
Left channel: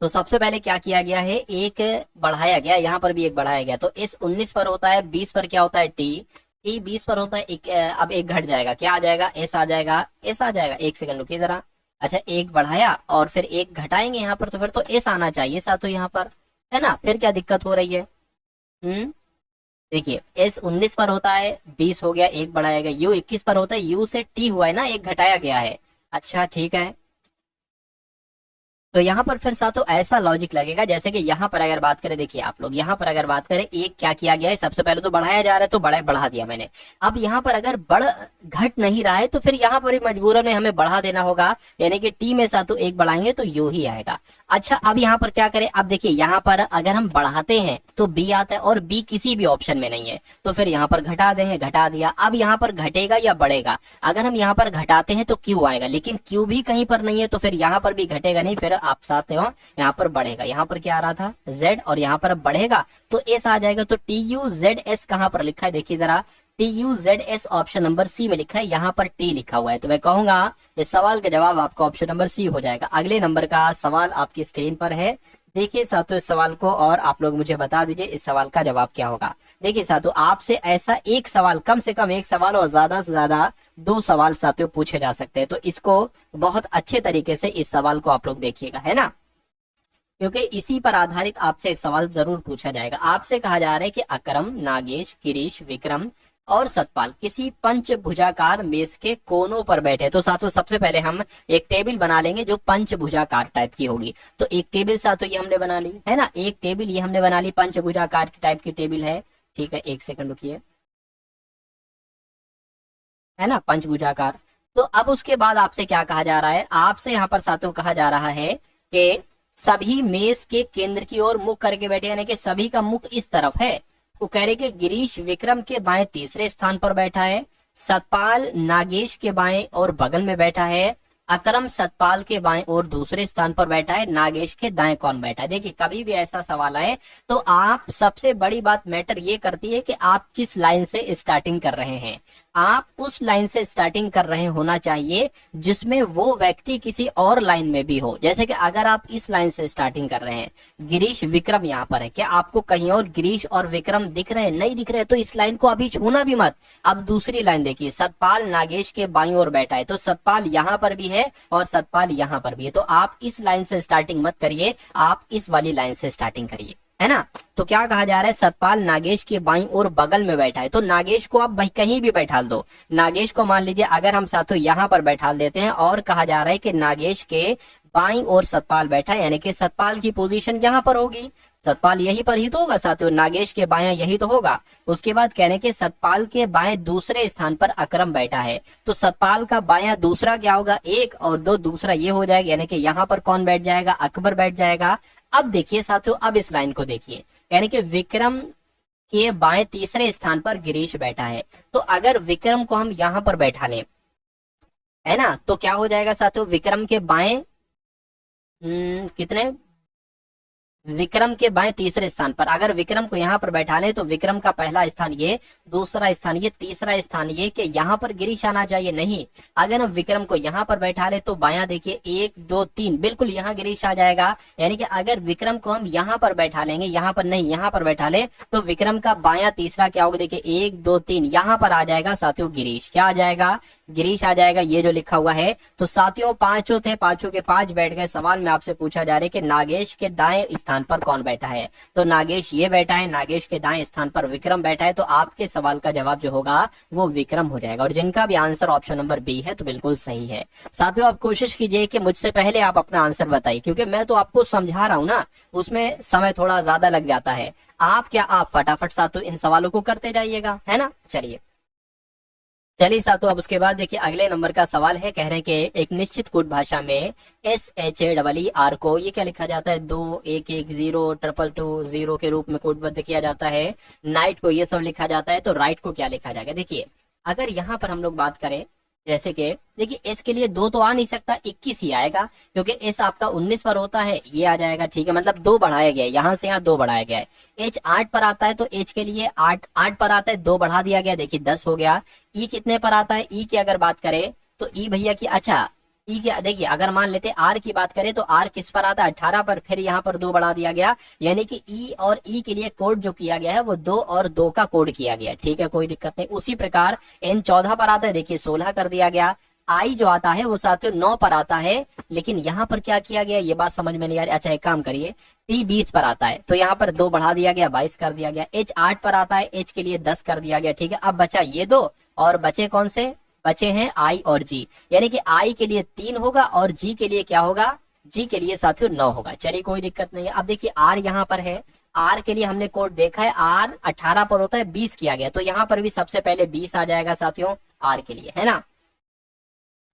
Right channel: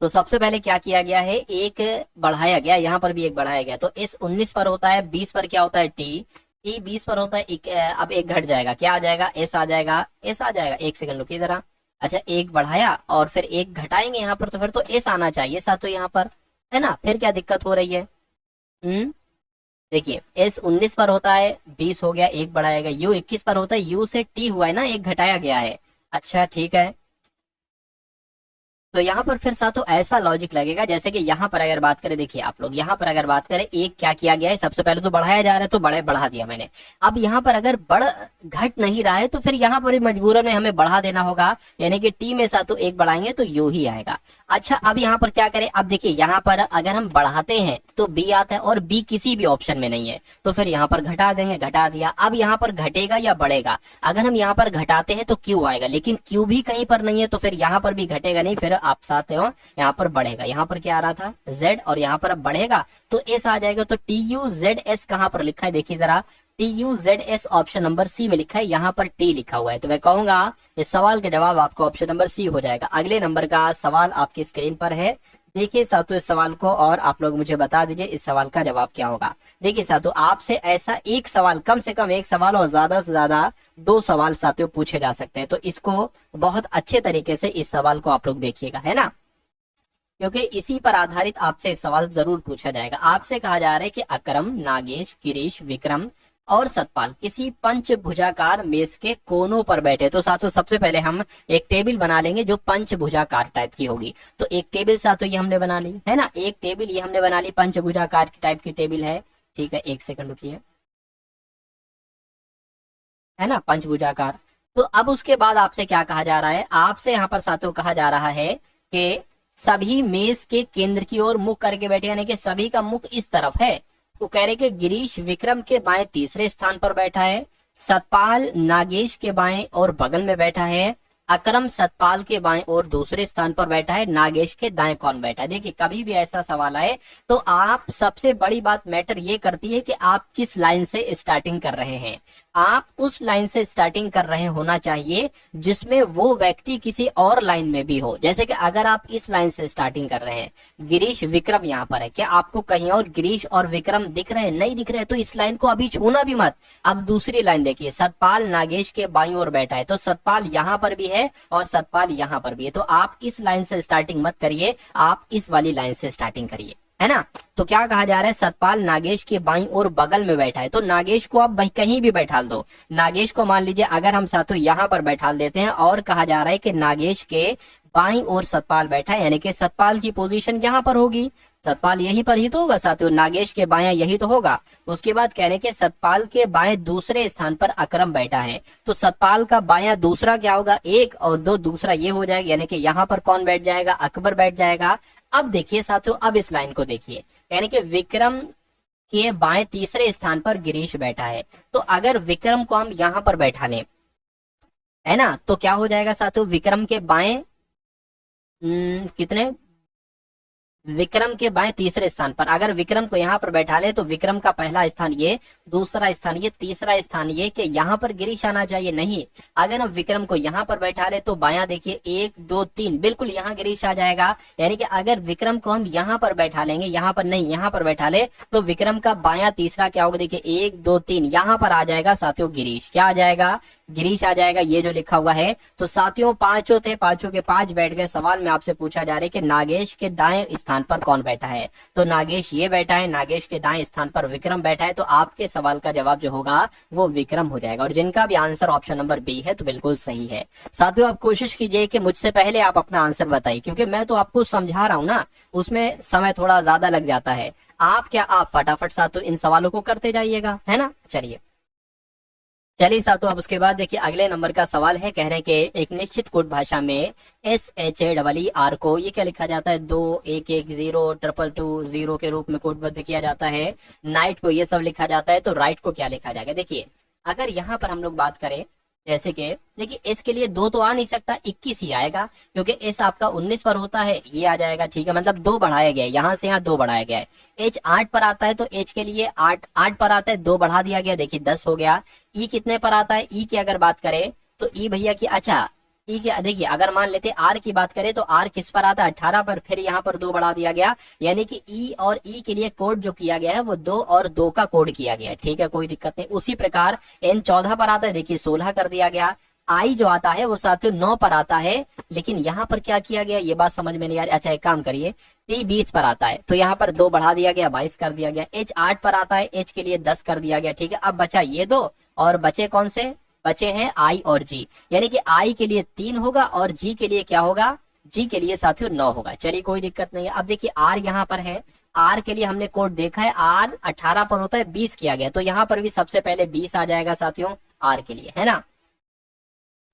तो सबसे पहले क्या किया गया है, एक बढ़ाया गया, यहाँ पर भी एक बढ़ाया गया, तो इस 19 पर होता है, 20 पर क्या होता है टी, टी 20 पर होता है एक, अब एक घट जाएगा, क्या आ जाएगा, एस आ जाएगा, एस आ जाएगा, एक सेकंड रुकिए जरा, अच्छा एक बढ़ाया और फिर एक घटाएंगे यहाँ पर, तो फिर तो एस आना चाहिए साथ यहाँ पर, है ना, फिर क्या दिक्कत हो रही है। देखिए एस 19 पर होता है, 20 हो गया, एक बढ़ाएगा, यू 21 पर होता है, यू से टी हुआ है ना, एक घटाया गया है, अच्छा ठीक है। तो यहाँ पर फिर साथों ऐसा लॉजिक लगेगा जैसे कि यहाँ पर अगर बात करें, देखिए आप लोग यहाँ पर अगर बात करें, एक क्या किया गया है, सबसे पहले तो बढ़ाया जा रहा है तो बढ़ा दिया मैंने। अब यहाँ पर अगर घट नहीं रहा है तो फिर यहाँ पर मजबूरन में हमें बढ़ा देना होगा, यानी कि टी में साथों एक बढ़ाएंगे तो यू ही आएगा। अच्छा अब यहाँ पर क्या करें, अब देखिए यहाँ पर अगर हम बढ़ाते हैं तो बी आता है और बी किसी भी ऑप्शन में नहीं है, तो फिर यहाँ पर घटा देंगे, घटा दिया। अब यहाँ पर घटेगा या बढ़ेगा, अगर हम यहाँ पर घटाते हैं तो क्यू आएगा, लेकिन क्यू भी कहीं पर नहीं है, तो फिर यहाँ पर भी घटेगा नहीं, फिर आप साथ हो यहाँ पर बढ़ेगा। यहाँ पर क्या आ रहा था Z और यहाँ पर अब बढ़ेगा तो S आ जाएगा। तो TUZS कहाँ पर लिखा है, देखिए जरा, TUZS ऑप्शन नंबर सी में लिखा है, यहाँ पर T लिखा हुआ है, तो मैं कहूंगा इस सवाल का जवाब आपका ऑप्शन नंबर सी हो जाएगा। अगले नंबर का सवाल आपकी स्क्रीन पर है, देखिए साथियों इस सवाल को और आप लोग मुझे बता दीजिए इस सवाल का जवाब क्या होगा। देखिए साथियों आपसे ऐसा एक सवाल, कम से कम एक सवाल और ज्यादा से ज्यादा दो सवाल साथियों पूछे जा सकते हैं, तो इसको बहुत अच्छे तरीके से इस सवाल को आप लोग देखिएगा, है ना, क्योंकि इसी पर आधारित आपसे एक सवाल जरूर पूछा जाएगा। आपसे कहा जा रहा है कि अकरम, नागेश, गिरीश, विक्रम और सतपाल किसी पंचभुजाकार मेज के कोनों पर बैठे। तो साथियों सबसे पहले हम एक टेबल बना लेंगे जो पंचभुजाकार टाइप की होगी। तो एक टेबल साथियों ये हमने बना ली, है ना, एक टेबल ये हमने बना ली, पंचभुजाकार टाइप की टेबल है। ठीक है, एक सेकंड रुकिए, है ना, पंचभुजाकार। तो अब उसके बाद आपसे क्या कहा जा रहा है, आपसे यहाँ पर साथियों कहा जा रहा है कि सभी मेज के केंद्र की ओर मुख करके बैठे, यानी कि सभी का मुख इस तरफ है। वो कह रहे कि गिरीश विक्रम के बाएं तीसरे स्थान पर बैठा है, सतपाल नागेश के बाएं और बगल में बैठा है, अकरम सतपाल के बाएं और दूसरे स्थान पर बैठा है, नागेश के दाएं कौन बैठा है। देखिए कभी भी ऐसा सवाल आए तो आप, सबसे बड़ी बात मैटर ये करती है कि आप किस लाइन से स्टार्टिंग कर रहे हैं। आप उस लाइन से स्टार्टिंग कर रहे होना चाहिए जिसमें वो व्यक्ति किसी और लाइन में भी हो। जैसे कि अगर आप इस लाइन से स्टार्टिंग कर रहे हैं, गिरीश विक्रम यहाँ पर है, क्या आपको कहीं और गिरीश और विक्रम दिख रहे हैं? नहीं दिख रहे, तो इस लाइन को अभी छूना भी मत। अब दूसरी लाइन देखिए, सतपाल नागेश के बाईं ओर बैठा है, तो सतपाल यहाँ पर भी है और सतपाल यहाँ पर भी है। तो आप इस लाइन से स्टार्टिंग मत करिए, आप इस वाली लाइन से स्टार्टिंग करिए, है ना। तो क्या कहा जा रहा है, सतपाल नागेश के बाईं ओर बगल में बैठा है, तो नागेश को आप कहीं भी बैठा दो। नागेश को मान लीजिए अगर हम साथों यहाँ पर बैठा देते हैं, और कहा जा रहा है कि नागेश के बाईं ओर सतपाल बैठा है, यानी कि सतपाल की पोजीशन यहाँ पर होगी, सतपाल यहीं पर ही तो होगा साथियों, नागेश के बायां यही तो होगा। उसके बाद कहने के सतपाल के बाएं दूसरे स्थान पर अकरम बैठा है, तो सतपाल का बायां दूसरा क्या होगा, एक और दो, दूसरा ये हो जाएगा, यानी कि यहाँ पर कौन बैठ जाएगा, अकबर बैठ जाएगा। अब देखिए साथियों, अब इस लाइन को देखिए, यानी कि विक्रम के बाएं तीसरे स्थान पर गिरीश बैठा है, तो अगर विक्रम को हम यहाँ पर बैठा लें, है ना, तो क्या हो जाएगा साथियों, विक्रम के बाएं कितने, विक्रम के बाएं तीसरे स्थान पर अगर विक्रम को यहाँ पर बैठा लें तो विक्रम का पहला स्थान ये, दूसरा स्थान ये, तीसरा स्थान ये, कि यहाँ पर गिरीश आना चाहिए, नहीं। अगर हम विक्रम को यहाँ पर बैठा ले तो बायां देखिए, एक दो तीन, बिल्कुल यहाँ गिरीश आ जाएगा। यानी कि अगर विक्रम को हम यहाँ पर बैठा लेंगे, यहाँ पर नहीं, यहाँ पर बैठा ले, तो विक्रम का बायां तीसरा क्या होगा, देखिए एक दो तीन, यहाँ पर आ जाएगा साथियों गिरीश, क्या आ जाएगा, गिरीश आ जाएगा, ये जो लिखा हुआ है। तो साथियों पांचों थे, पांचों के पांच बैठ गए। सवाल में आपसे पूछा जा रहा है कि नागेश के दाएं स्थान पर कौन बैठा है, तो नागेश ये बैठा है, नागेश के दाएं स्थान पर विक्रम बैठा है, तो आपके सवाल का जवाब जो होगा वो विक्रम हो जाएगा। और जिनका भी आंसर ऑप्शन नंबर बी है तो बिल्कुल सही है। साथियों आप कोशिश कीजिए कि मुझसे पहले आप अपना आंसर बताइए, क्योंकि मैं तो आपको समझा रहा हूँ ना, उसमें समय थोड़ा ज्यादा लग जाता है। आप फटाफट साथियों इन सवालों को करते जाइएगा, है ना। चलिए साथियों, अब उसके बाद देखिए अगले नंबर का सवाल है, कह रहे हैं कि एक निश्चित कोड भाषा में SHARR को ये क्या लिखा जाता है, 2 1 1 0 2 2 0 के रूप में कोडबद्ध किया जाता है। नाइट को ये सब लिखा जाता है, तो राइट को क्या लिखा जाएगा। देखिए अगर यहाँ पर हम लोग बात करें, जैसे कि देखिए एस के लिए 2 तो आ नहीं सकता, 21 ही आएगा, क्योंकि एस आपका 19 पर होता है, ये आ जाएगा, ठीक है, मतलब 2 बढ़ाया गया है, यहाँ से यहाँ 2 बढ़ाया गया है। एच 8 पर आता है, तो एच के लिए 8 पर आता है, 2 बढ़ा दिया गया, देखिए 10 हो गया। ई कितने पर आता है, ई की अगर बात करें तो ई भैया की, अच्छा ई के देखिए अगर मान लेते आर की बात करें तो आर किस पर आता है, 18 पर, फिर यहाँ पर 2 बढ़ा दिया गया, यानी कि ई और ई के लिए कोड जो किया गया है वो 2 और 2 का कोड किया गया है, ठीक है, कोई दिक्कत नहीं। उसी प्रकार एन 14 पर आता है, देखिए 16 कर दिया गया। आई जो आता है वो साथियों 9 पर आता है, लेकिन यहाँ पर क्या किया गया ये बात समझ में नहीं आ रही। अच्छा एक काम करिए, टी 20 पर आता है, तो यहाँ पर 2 बढ़ा दिया गया, 22 कर दिया गया। एच 8 पर आता है, एच के लिए 10 कर दिया गया, ठीक है। अब बचा ये 2, और बचे कौन से, बचे हैं आई और जी, यानी कि आई के लिए 3 होगा और जी के लिए क्या होगा, जी के लिए साथियों 9 होगा। चलिए कोई दिक्कत नहीं है। अब देखिए आर यहाँ पर है, आर के लिए हमने कोड देखा है, आर 18 पर होता है, 20 किया गया, तो यहाँ पर भी सबसे पहले 20 आ जाएगा साथियों आर के लिए, है ना।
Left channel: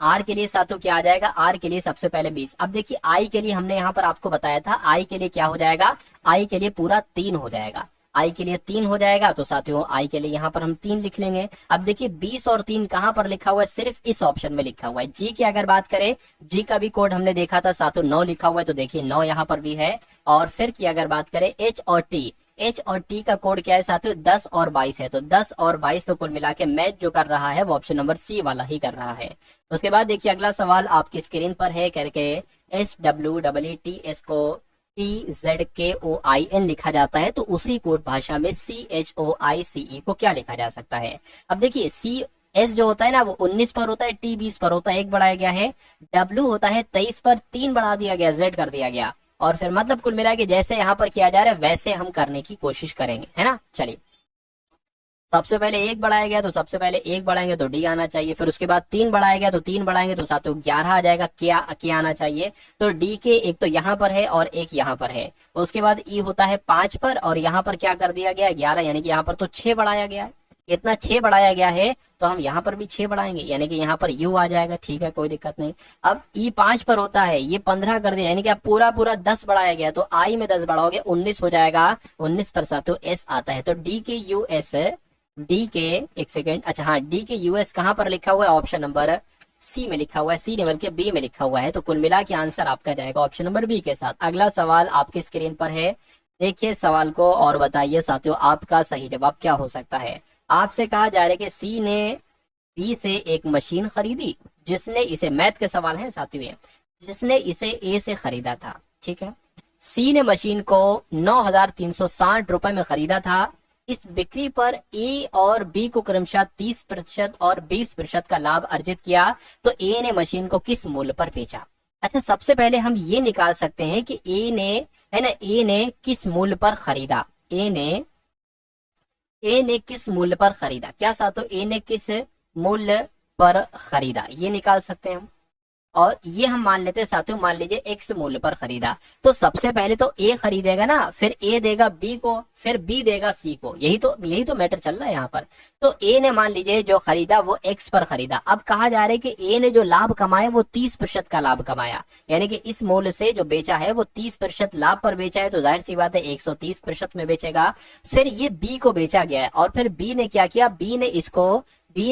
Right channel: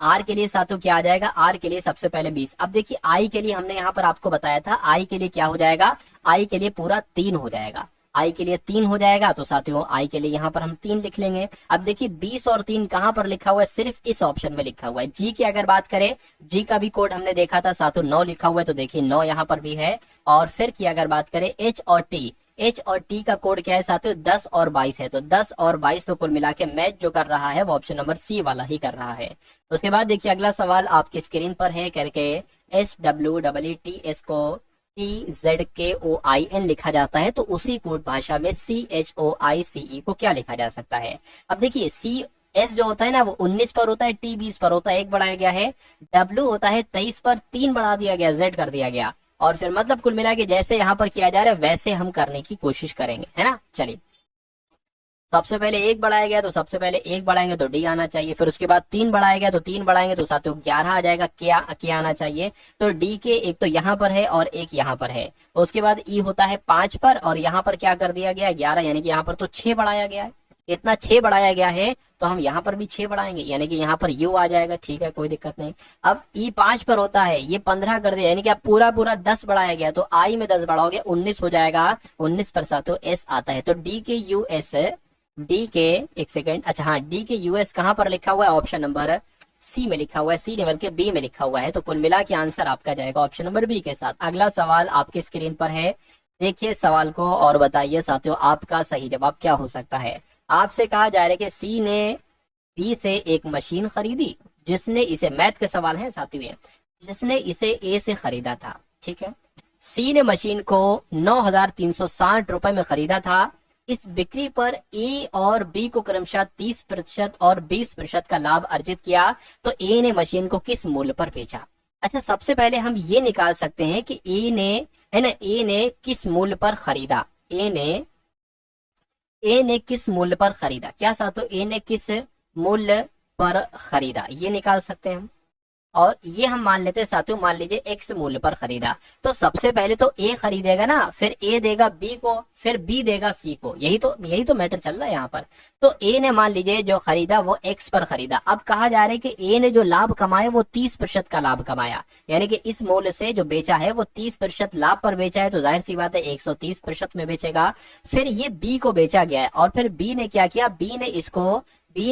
आर के लिए साथियों क्या आ जाएगा, आर के लिए सबसे पहले 20। अब देखिए आई के लिए हमने यहाँ पर आपको बताया था, आई के लिए क्या हो जाएगा, आई के लिए पूरा 3 हो जाएगा, आई के लिए 3 हो जाएगा, तो साथियों आई के लिए यहाँ पर हम 3 लिख लेंगे। अब देखिए 20 और 3 कहाँ पर लिखा हुआ है, सिर्फ इस ऑप्शन में लिखा हुआ है। जी की अगर बात करें, जी का भी कोड हमने देखा था साथियों 9 लिखा हुआ है, तो देखिए 9 यहाँ पर भी है। और फिर की अगर बात करें एच और टी, एच और टी का कोड क्या है साथियों, 10 और 22 है, तो 10 और 22 तो कुल मिला के मैच जो कर रहा है वो ऑप्शन नंबर सी वाला ही कर रहा है। उसके बाद देखिए अगला सवाल आपकी स्क्रीन पर है, करके SWEETS को CHOIN लिखा जाता है, तो उसी कोड भाषा में CHOICE को क्या लिखा जा सकता है। अब देखिए CS जो होता है ना वो 19 पर होता है, T 20 पर होता है, 1 बढ़ाया गया है, W होता है 23 पर 3 बढ़ा दिया गया, Z कर दिया गया, और फिर मतलब कुल मिला के जैसे यहाँ पर किया जा रहा है वैसे हम करने की कोशिश करेंगे, है ना। चलिए सबसे पहले 1 बढ़ाया गया तो सबसे पहले 1 बढ़ाएंगे तो D आना चाहिए, फिर उसके बाद 3 बढ़ाया गया तो 3 बढ़ाएंगे तो साथियों 11 आ जाएगा, क्या आना चाहिए। तो D के एक तो यहाँ पर है और एक यहाँ पर है, उसके बाद E होता है 5 पर, और यहाँ पर क्या कर दिया गया 11, यानी कि यहाँ पर तो 6 बढ़ाया गया है, इतना 6 बढ़ाया गया है, तो हम यहाँ पर भी 6 बढ़ाएंगे, यानी कि यहाँ पर U आ जाएगा, ठीक है कोई दिक्कत नहीं। अब E 5 पर होता है, ये 15 कर दिया, यानी कि अब पूरा 10 बढ़ाया गया, तो I में 10 बढ़ाओगे 19 हो जाएगा, 19 पर साथियों S आता है, तो D के US, डी के एक सेकेंड, अच्छा हाँ डी के यूएस कहां पर लिखा हुआ है, ऑप्शन नंबर सी में लिखा हुआ है, सी लेवल के बी में लिखा हुआ है, तो कुल मिला के आंसर आपका जाएगा ऑप्शन नंबर बी के साथ। अगला सवाल आपकी स्क्रीन पर है, देखिए सवाल को और बताइए साथियों आपका सही जवाब क्या हो सकता है। आपसे कहा जा रहा है कि सी ने बी से एक मशीन खरीदी जिसने इसे, मैथ के सवाल है साथियों, जिसने इसे ए से खरीदा था, ठीक है। सी ने मशीन को 9,360 रुपए में खरीदा था, इस बिक्री पर ए और बी को क्रमशः 30% और 20% का लाभ अर्जित किया, तो ए ने मशीन को किस मूल्य पर बेचा। अच्छा सबसे पहले हम ये निकाल सकते हैं कि ए ने, है ना, ए ने किस मूल्य पर खरीदा, ए ने किस मूल्य पर खरीदा, क्या साथों ए ने किस मूल्य पर खरीदा, ये निकाल सकते हैं हम। और ये हम मान लेते हैं साथियों, मान लीजिए एक्स मूल्य पर खरीदा, तो सबसे पहले तो ए खरीदेगा ना, फिर ए देगा बी को, फिर बी देगा सी को, यही तो मैटर चल रहा है यहाँ पर। तो ए ने मान लीजिए जो खरीदा वो एक्स पर खरीदा, अब कहा जा रहा है कि ए ने जो लाभ कमाया वो 30% का लाभ कमाया, यानी कि इस मूल्य से जो बेचा है वो 30% लाभ पर बेचा है, तो जाहिर सी बात है 130% में बेचेगा। फिर ये बी को बेचा गया है, और फिर बी ने क्या किया, बी ने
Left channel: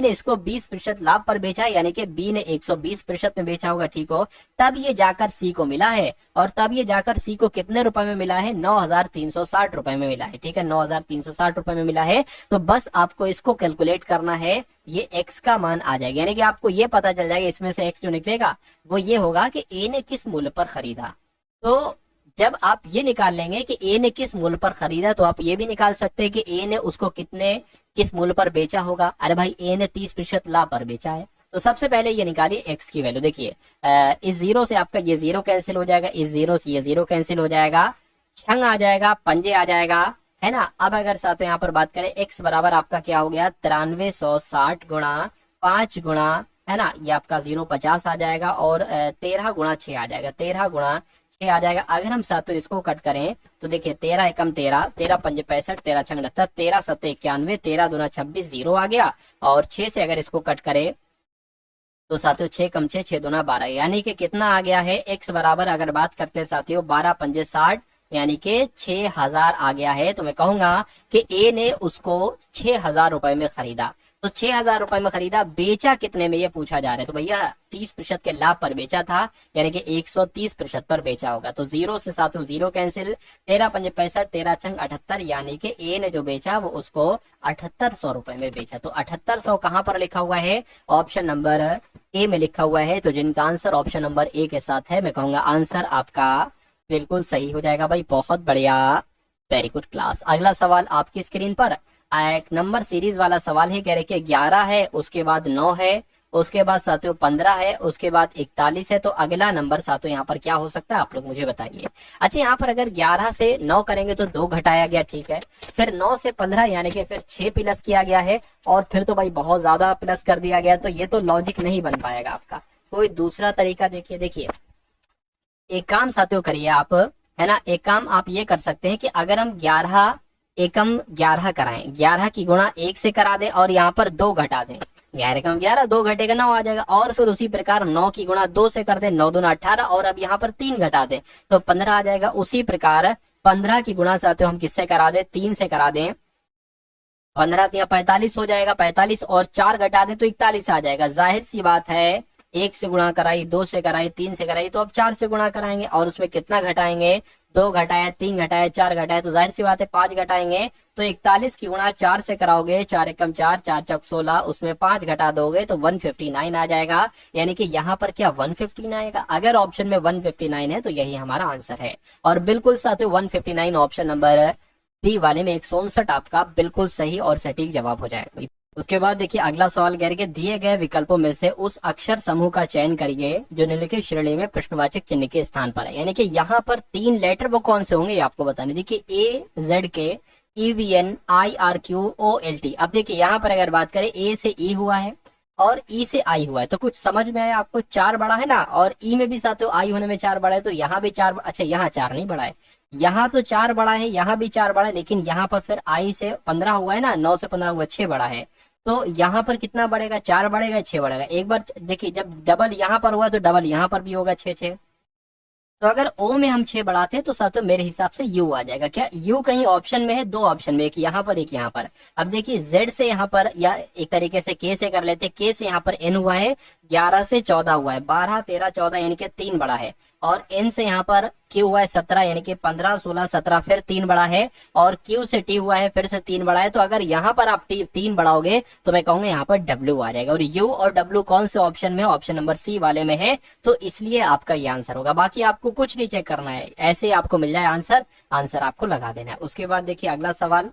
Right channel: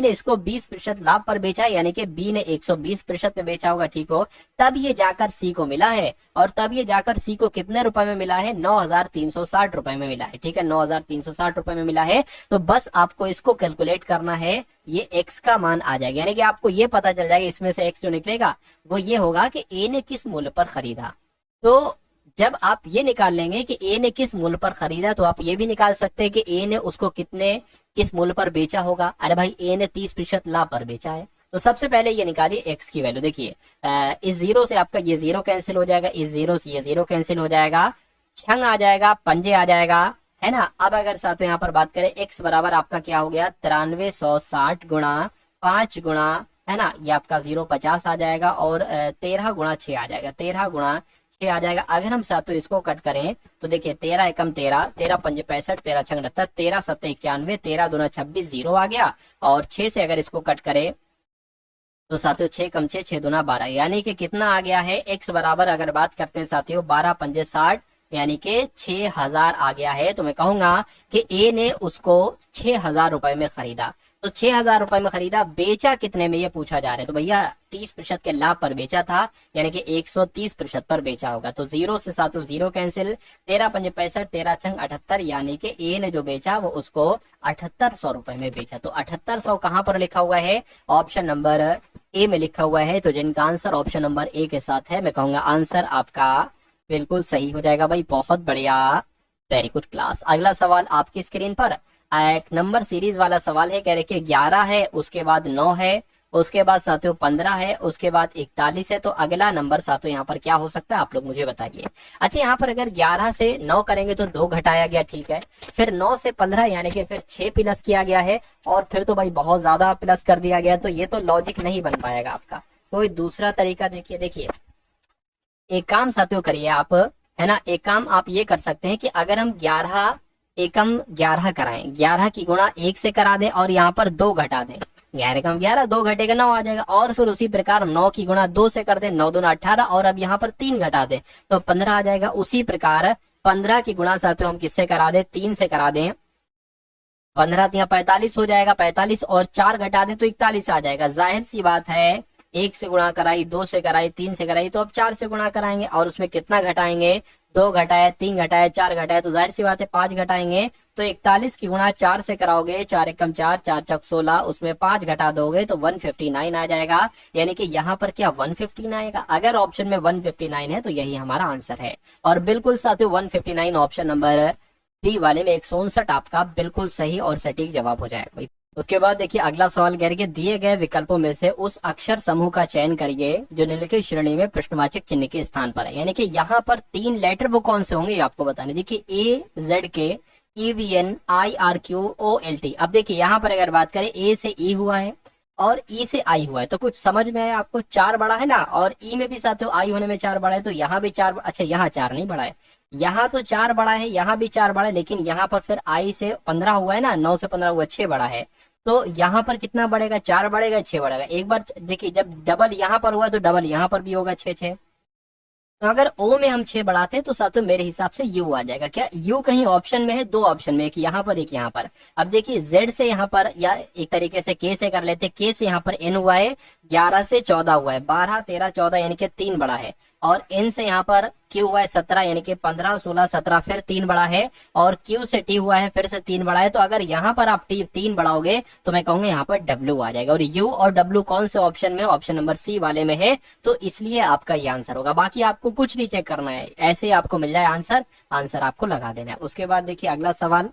इसको 20% लाभ पर बेचा, यानी कि बी ने 120% में बेचा होगा, ठीक हो, तब ये जाकर सी को मिला है, और तब ये जाकर सी को कितने रुपए में मिला है, 9,360 रुपए में मिला है, ठीक है, 9,360 रुपए में मिला है। तो बस आपको इसको कैलकुलेट करना है, ये एक्स का मान आ जाएगा, यानी कि आपको ये पता चल जाएगा इसमें से एक्स जो निकलेगा वो ये होगा कि ए ने किस मूल्य पर खरीदा। तो जब आप ये निकाल लेंगे कि ए ने किस मूल्य पर खरीदा, तो आप ये भी निकाल सकते हैं कि ए ने उसको किस मूल्य पर बेचा होगा। अरे भाई ए ने 30% लाभ पर बेचा है, तो सबसे पहले ये निकालिए एक्स की वैल्यू। देखिए इस जीरो से आपका ये जीरो कैंसिल हो जाएगा, इस जीरो से ये जीरो कैंसिल हो जाएगा, छंग आ जाएगा, पंजे आ जाएगा, है ना। अब अगर साथ यहाँ पर बात करें एक्स बराबर आपका क्या हो गया, 9360 गुणा 5 गुणा, है ना, ये आपका 050 आ जाएगा, और 13 गुणा 6 आ जाएगा, 13 गुणा 6 आ जाएगा। अगर हम सातों इसको कट करें तो देखिए 13 एकम 13, 13 पंजे 65, 13 छंग 69, 13 सत्ते 91, 13 दूना 26, 0 आ गया, और 6 से अगर इसको कट करें तो साथियों 6 कम 6, 6 दूना 12, यानी कि कितना आ गया है, एक्स बराबर अगर बात करते हैं साथियों 12 पंजे 60, यानी कि 6,000 आ गया है। तो मैं कहूंगा कि ए ने उसको 6,000 रुपए में खरीदा, तो 6,000 रुपए में खरीदा, बेचा कितने में ये पूछा जा रहा है, तो भैया 30% के लाभ पर बेचा था, यानी कि 130% पर बेचा होगा। तो जीरो से साथियों जीरो कैंसिल, 13 पंजे 65, 13 छंग 78, यानी कि ए ने जो बेचा वो उसको 7800 रुपए में बेचा। तो 7800 कहां पर लिखा हुआ है, ऑप्शन नंबर ए में लिखा हुआ है। तो जिनका आंसर ऑप्शन नंबर ए के साथ है, मैं कहूंगा आंसर आपका बिल्कुल सही हो जाएगा भाई, बहुत बढ़िया, वेरी गुड क्लास। अगला सवाल आपकी स्क्रीन पर एक नंबर सीरीज वाला सवाल है, कह रहे कि 11 है, उसके बाद 9 है, उसके बाद साथियों 15 है, उसके बाद 41 है, तो अगला नंबर साथियों यहाँ पर क्या हो सकता है, आप लोग मुझे बताइए। अच्छा यहाँ पर अगर 11 से 9 करेंगे तो 2 घटाया गया, ठीक है, फिर 9 से 15 यानी कि फिर 6 प्लस किया गया है, और फिर तो भाई बहुत ज्यादा प्लस कर दिया गया, तो ये तो लॉजिक नहीं बन पाएगा आपका। कोई दूसरा तरीका देखिए एक काम साथियों करिए आप, है ना, एक काम आप ये कर सकते हैं कि अगर हम 11 एकम 11 कराएं, 11 की गुणा 1 से करा दें, और यहाँ पर 2 घटा दें, 11 एकम 11, 2 घटेगा 9 आ जाएगा, और फिर उसी प्रकार 9 की गुणा 2 से कर दें, 9 दूना 18, और अब यहाँ पर 3 घटा दें तो 15 आ जाएगा। उसी प्रकार 15 की गुणा साथियों हम किससे करा दें, 3 से करा दें, 15 या 45 हो जाएगा, 45 और 4 घटा दें तो 41 आ जाएगा। जाहिर सी बात है एक से गुणा कराई, दो से कराई, तीन से कराई, तो अब चार से गुणा कराएंगे। और उसमें कितना घटाएंगे, दो घटाए, तीन घटाए, चार घटाए, तो जाहिर सी बात है पांच घटाएंगे। तो 41 की गुणा चार से कराओगे, चार एकम चार, चार चक 16, उसमें पांच घटा दोगे तो 159 आ जाएगा। यानी कि यहाँ पर क्या 159 आएगा। अगर ऑप्शन में 159 है तो यही हमारा आंसर है। और बिल्कुल साथियों 159 ऑप्शन नंबर डी वाले में 159 आपका बिल्कुल सही और सटीक जवाब हो जाएगा। उसके बाद देखिए अगला सवाल कह रहे कि दिए गए विकल्पों में से उस अक्षर समूह का चयन करिए जो निम्नलिखित श्रेणी में प्रश्नवाचक चिन्ह के स्थान पर है। यानी कि यहाँ पर तीन लेटर वो कौन से होंगे ये आपको बताने। देखिए ए जेड के, EVN, IRQ, OLT। अब देखिए यहाँ पर अगर बात करें ए से ई हुआ है और ई से आई हुआ है, तो कुछ समझ में आया आपको। चार बड़ा है ना, और ई में भी साथियों आई होने में चार बड़ा है, तो यहाँ भी चार, अच्छा यहाँ चार नहीं बड़ा है, यहाँ तो चार बड़ा है, यहाँ भी चार बड़ा है, लेकिन यहाँ पर फिर आई से 15 हुआ है ना, 9 से 15 हुआ, 6 बड़ा है। तो यहाँ पर कितना बढ़ेगा, चार बढ़ेगा, 6 बढ़ेगा। एक बार देखिए जब डबल यहाँ पर हुआ है तो डबल यहाँ पर भी होगा, 6 6। तो अगर ओ में हम 6 बढ़ाते हैं तो साथियों मेरे हिसाब से यू आ जाएगा। क्या यू कहीं ऑप्शन में है, दो ऑप्शन में, एक यहाँ पर एक यहाँ पर। अब देखिए जेड से यहाँ पर, या एक तरीके से के से कर लेते, के से यहाँ पर एन हुआ है, 11 से 14 हुआ है, 12 13 14 यानी कि 3 बड़ा है। और एन से यहाँ पर क्यू हुआ है 17 यानी कि 15 16 17 फिर 3 बड़ा है। और क्यू से टी हुआ है फिर से 3 बड़ा है। तो अगर यहाँ पर आप टी 3 बढ़ाओगे तो मैं कहूंगा यहाँ पर डब्ल्यू आ जाएगा। और यू और डब्ल्यू कौन से ऑप्शन में, ऑप्शन नंबर सी वाले में है, तो इसलिए आपका ये आंसर होगा। बाकी आपको कुछ नहीं चेक करना है, ऐसे ही आपको मिल जाए आंसर, आंसर आपको लगा देना है। उसके बाद देखिए अगला सवाल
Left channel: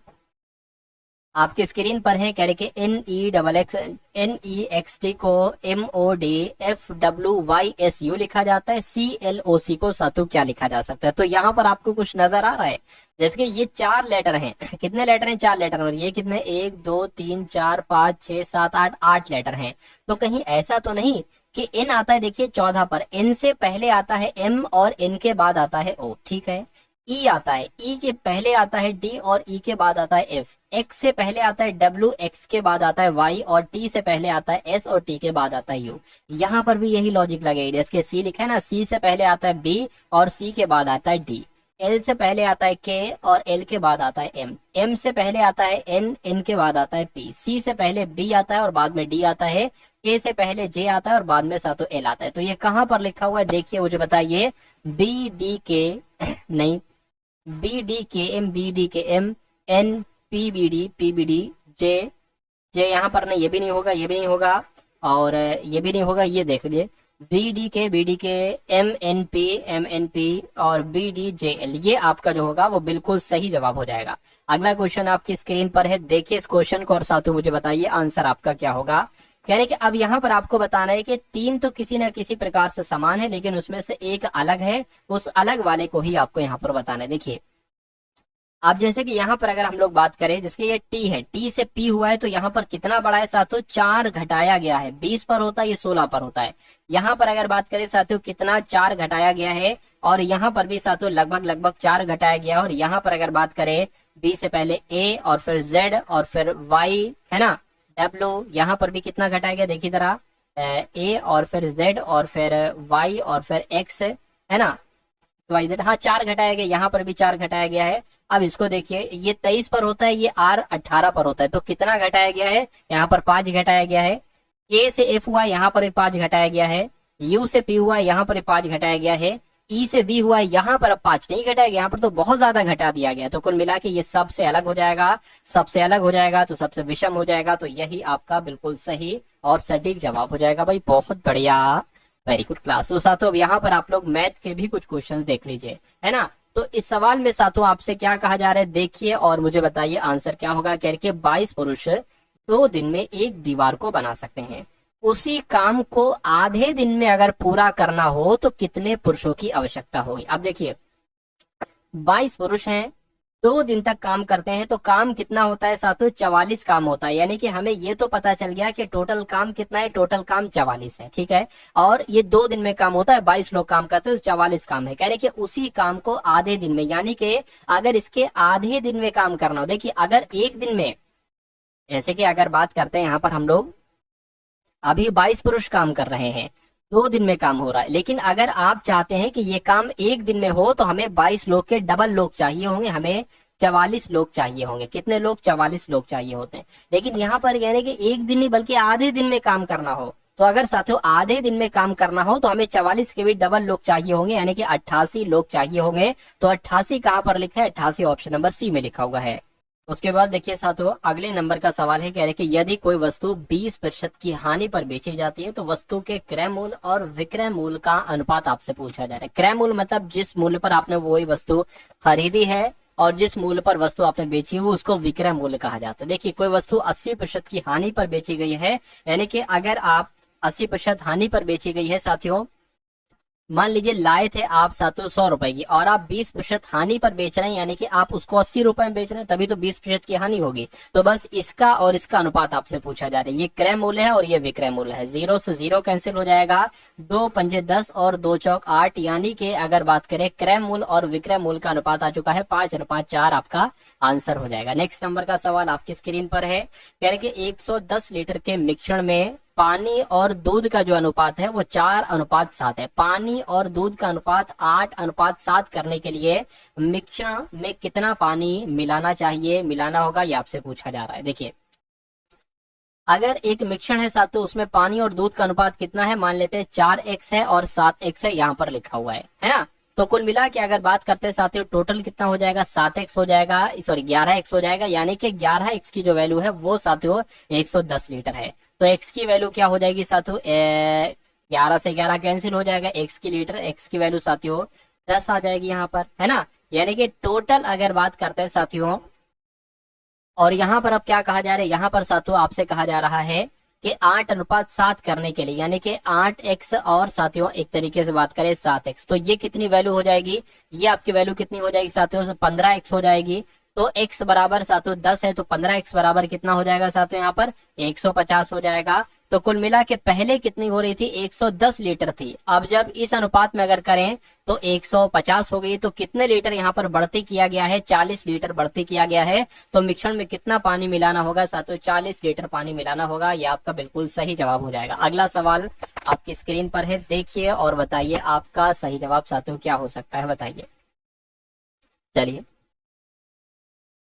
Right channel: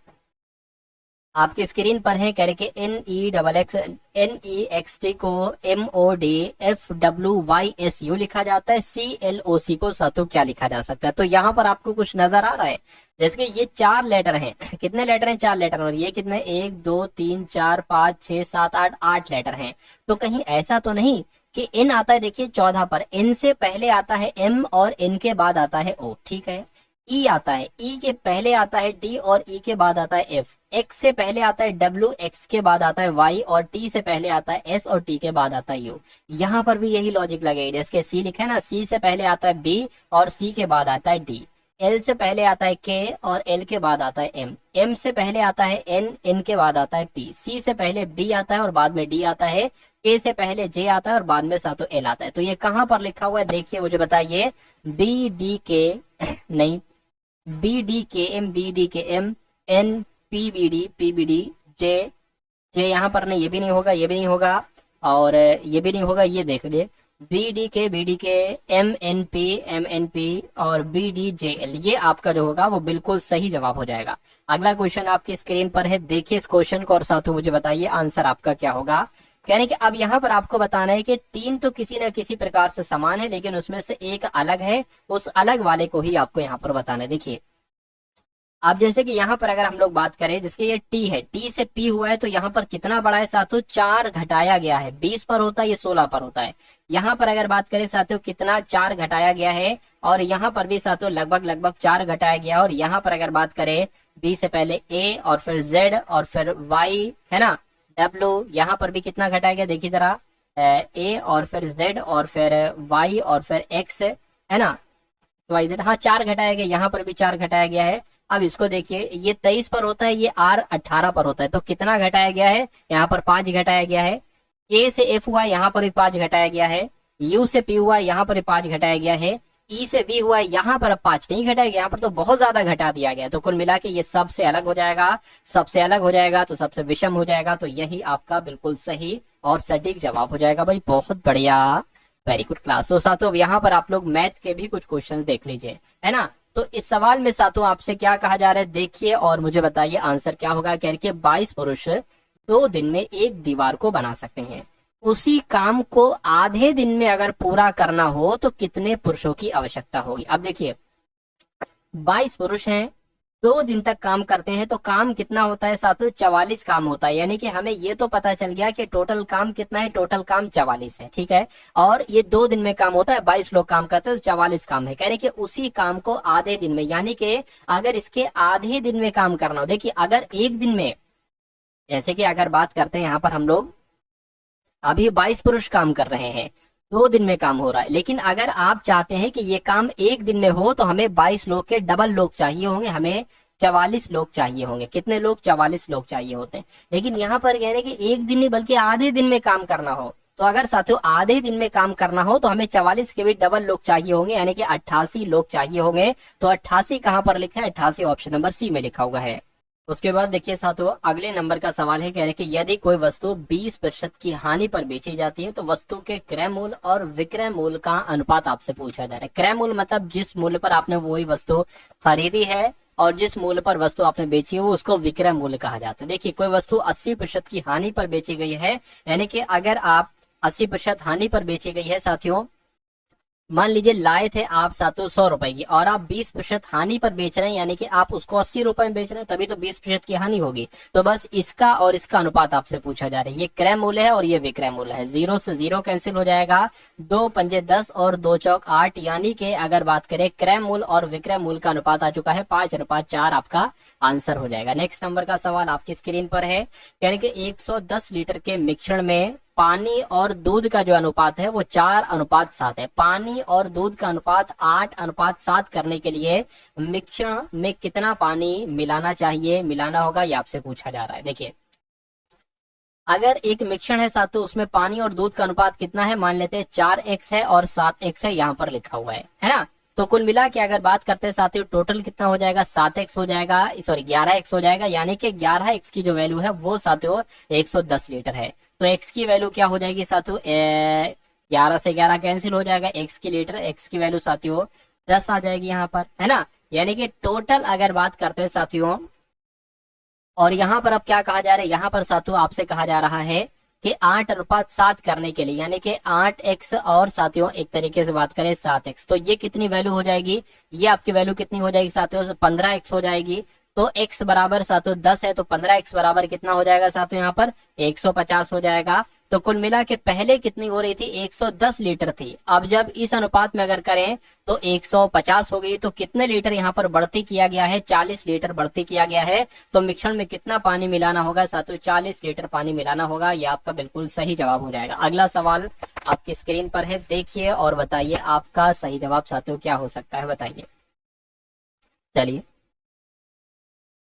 आपके स्क्रीन पर है, कह रहे कि NEXT को MODFWYSU लिखा जाता है, CLOC को सातु क्या लिखा जा सकता है। तो यहाँ पर आपको कुछ नजर आ रहा है, जैसे कि ये चार लेटर हैं, कितने लेटर हैं, चार लेटर, और ये कितने, 1 2 3 4 5 6 7 8, 8 लेटर हैं। तो कहीं ऐसा तो नहीं कि N आता है, देखिए 14 पर N से पहले आता है M और N के बाद आता है O, ठीक है। ई आता है, ई के पहले आता है डी और ई के बाद आता है एफ, एक्स से पहले आता है डब्ल्यू, एक्स के बाद आता है वाई, और टी से पहले आता है एस और टी के बाद आता है यू। यहाँ पर भी यही लॉजिक लगेगी, जैसे सी लिखा है ना, सी से पहले आता है बी और सी के बाद आता है डी, एल से पहले आता है के और एल के बाद आता है एम, एम से पहले आता है एन, एन के बाद आता है पी, सी से पहले बी आता है और बाद में डी आता है, के से पहले जे आता है और बाद में सातों एल आता है। तो ये कहाँ पर लिखा हुआ है देखिए, मुझे बताइए। बी डी के नहीं, B D K M, B D K M, N P B D J, J यहाँ पर नहीं, ये भी नहीं होगा, ये भी नहीं होगा, और ये भी नहीं होगा। ये देख लीजिए B D K M N P और बी डी जे एल, ये आपका जो होगा वो बिल्कुल सही जवाब हो जाएगा। अगला क्वेश्चन आपकी स्क्रीन पर है, देखिए इस क्वेश्चन को और साथों मुझे बताइए आंसर आपका क्या होगा। कहने कि अब यहाँ पर आपको बताना है कि तीन तो किसी न किसी प्रकार से समान है, लेकिन उसमें से एक अलग है, उस अलग वाले को ही आपको यहाँ पर बताना है। देखिए अब जैसे कि यहाँ पर अगर हम लोग बात करें, जिसके ये टी है, टी से पी हुआ है, तो यहाँ पर कितना बड़ा है साथियों, 4 घटाया गया है, 20 पर होता है, ये 16 पर होता है। यहाँ पर अगर बात करें साथियों कितना 4 घटाया गया है, और यहाँ पर भी साथियों लगभग 4 घटाया गया। और यहाँ पर अगर बात करें बी से पहले ए और फिर जेड और फिर वाई है ना, डब्ल्यू, यहाँ पर भी कितना घटाया गया देखिए जरा, ए और फिर जेड और फिर वाई और फिर एक्स है ना, वाई जेड, हाँ 4 घटाया गया, यहाँ पर भी 4 घटाया गया है। अब इसको देखिए, ये 23 पर होता है, ये आर 18 पर होता है, तो कितना घटाया गया है, यहाँ पर 5 घटाया गया है। के से एफ हुआ, यहाँ पर भी 5 घटाया गया है। यू से पी हुआ, यहाँ पर भी 5 घटाया गया है। ई से बी हुआ है, यहाँ पर अब 5 नहीं घटाया गया, यहाँ पर तो बहुत ज्यादा घटा दिया गया। तो कुल मिला के ये सबसे अलग हो जाएगा, सबसे अलग हो जाएगा तो सबसे विषम हो जाएगा, तो यही आपका बिल्कुल सही और सटीक जवाब हो जाएगा। भाई बहुत बढ़िया, वेरी गुड क्लास। तो साथियों यहाँ पर आप लोग मैथ के भी कुछ क्वेश्चन देख लीजिए, है ना। तो इस सवाल में साथियों आपसे क्या कहा जा रहा है देखिए और मुझे बताइए आंसर क्या होगा। कह रहे 22 पुरुष 2 दिन में एक दीवार को बना सकते हैं, उसी काम को आधे दिन में अगर पूरा करना हो तो कितने पुरुषों की आवश्यकता होगी। अब देखिए 22 पुरुष हैं, 2 दिन तक काम करते हैं, तो काम कितना होता है साथियों, 44 काम होता है। यानी कि हमें ये तो पता चल गया कि टोटल काम कितना है, टोटल काम 44 है, ठीक है। और ये 2 दिन में काम होता है, 22 लोग काम करते हैं तो 44 काम है। कहने कि उसी काम को आधे दिन में, यानी कि अगर इसके आधे दिन में काम करना हो, देखिए अगर एक दिन में, जैसे कि अगर बात करते हैं यहाँ पर हम लोग अभी 22 पुरुष काम कर रहे हैं, 2 दिन में काम हो रहा है, लेकिन अगर आप चाहते हैं कि ये काम एक दिन में हो तो हमें 22 लोग के डबल लोग चाहिए होंगे, हमें 44 लोग चाहिए होंगे। कितने लोग, 44 लोग चाहिए होते हैं। लेकिन यहाँ पर यानी कि एक दिन नहीं बल्कि आधे दिन में काम करना हो तो तो अगर साथियों आधे दिन में काम करना हो तो हमें 44 के भी डबल लोग चाहिए होंगे, यानी कि 88 लोग चाहिए होंगे। तो 88 कहाँ पर लिखा है, 88 ऑप्शन नंबर सी में लिखा हुआ है। उसके बाद देखिए साथियों अगले नंबर का सवाल है, कह रहे कि यदि कोई वस्तु 20% की हानि पर बेची जाती है तो वस्तु के क्रय मूल्य और विक्रय मूल्य का अनुपात आपसे पूछा जा रहा है। क्रय मूल्य मतलब जिस मूल्य पर आपने वही वस्तु खरीदी है और जिस मूल्य पर वस्तु आपने बेची है वो उसको विक्रय मूल्य कहा जाता है। देखिए कोई वस्तु 80% की हानि पर बेची गई है, यानी कि अगर आप 80% हानि पर बेची गई है साथियों, मान लीजिए लाए थे आप साथियों 100 रुपए की और आप 20% हानि पर बेच रहे हैं, यानी कि आप उसको 80 रुपए में बेच रहे हैं, तभी तो 20% की हानि होगी। तो बस इसका और इसका अनुपात आपसे पूछा जा रहा है। ये क्रय मूल्य है और ये विक्रय मूल्य है। 0 से 0 कैंसिल हो जाएगा, 2 पंजे 10 और 2 चौक 8, यानी कि अगर बात करें क्रय मूल्य और विक्रय मूल्य का अनुपात आ चुका है 5 और 5 4, आपका आंसर हो जाएगा। नेक्स्ट नंबर का सवाल आपकी स्क्रीन पर है, यानी कि 110 लीटर के मिश्रण में पानी और दूध का जो अनुपात है वो 4:7 है। पानी और दूध का अनुपात 8:7 करने के लिए मिश्रण में कितना पानी मिलाना चाहिए, मिलाना होगा, ये आपसे पूछा जा रहा है। देखिए अगर एक मिश्रण है साथ तो उसमें पानी और दूध का अनुपात कितना है, मान लेते हैं 4x है और 7x है, यहाँ पर लिखा हुआ है ना। तो कुल मिला के अगर बात करते हैं साथियों टोटल कितना हो जाएगा, 7x हो जाएगा, सॉरी 11x हो जाएगा, यानी कि 11x की जो वैल्यू है वो साथियों 110 लीटर है। तो x की वैल्यू क्या हो जाएगी साथियों, 11 से 11 कैंसिल हो जाएगा, x की लीटर, x की वैल्यू साथियों 10 आ जाएगी यहाँ पर, है ना। यानी कि टोटल अगर बात करते हैं साथियों, और यहाँ पर अब क्या कहा जा रहा है, यहाँ पर साथियों आपसे कहा जा रहा है कि 8:7 करने के लिए, यानी कि 8x और साथियों एक तरीके से बात करें 7x, तो ये कितनी वैल्यू हो जाएगी, ये आपकी वैल्यू कितनी हो जाएगी साथियों, 15x हो जाएगी। तो x बराबर साथियों 10 है, तो 15x बराबर कितना हो जाएगा साथियों, यहाँ पर 150 हो जाएगा। तो कुल मिला के पहले कितनी हो रही थी, 110 लीटर थी, अब जब इस अनुपात में अगर करें तो 150 हो गई। तो कितने लीटर यहाँ पर बढ़ती किया गया है, 40 लीटर बढ़ती किया गया है। तो मिश्रण में कितना पानी मिलाना होगा साथियों, 40 लीटर पानी मिलाना होगा। ये आपका बिल्कुल सही जवाब हो जाएगा। अगला सवाल आपकी स्क्रीन पर है, देखिए और बताइए आपका सही जवाब साथियों क्या हो सकता है, बताइए। चलिए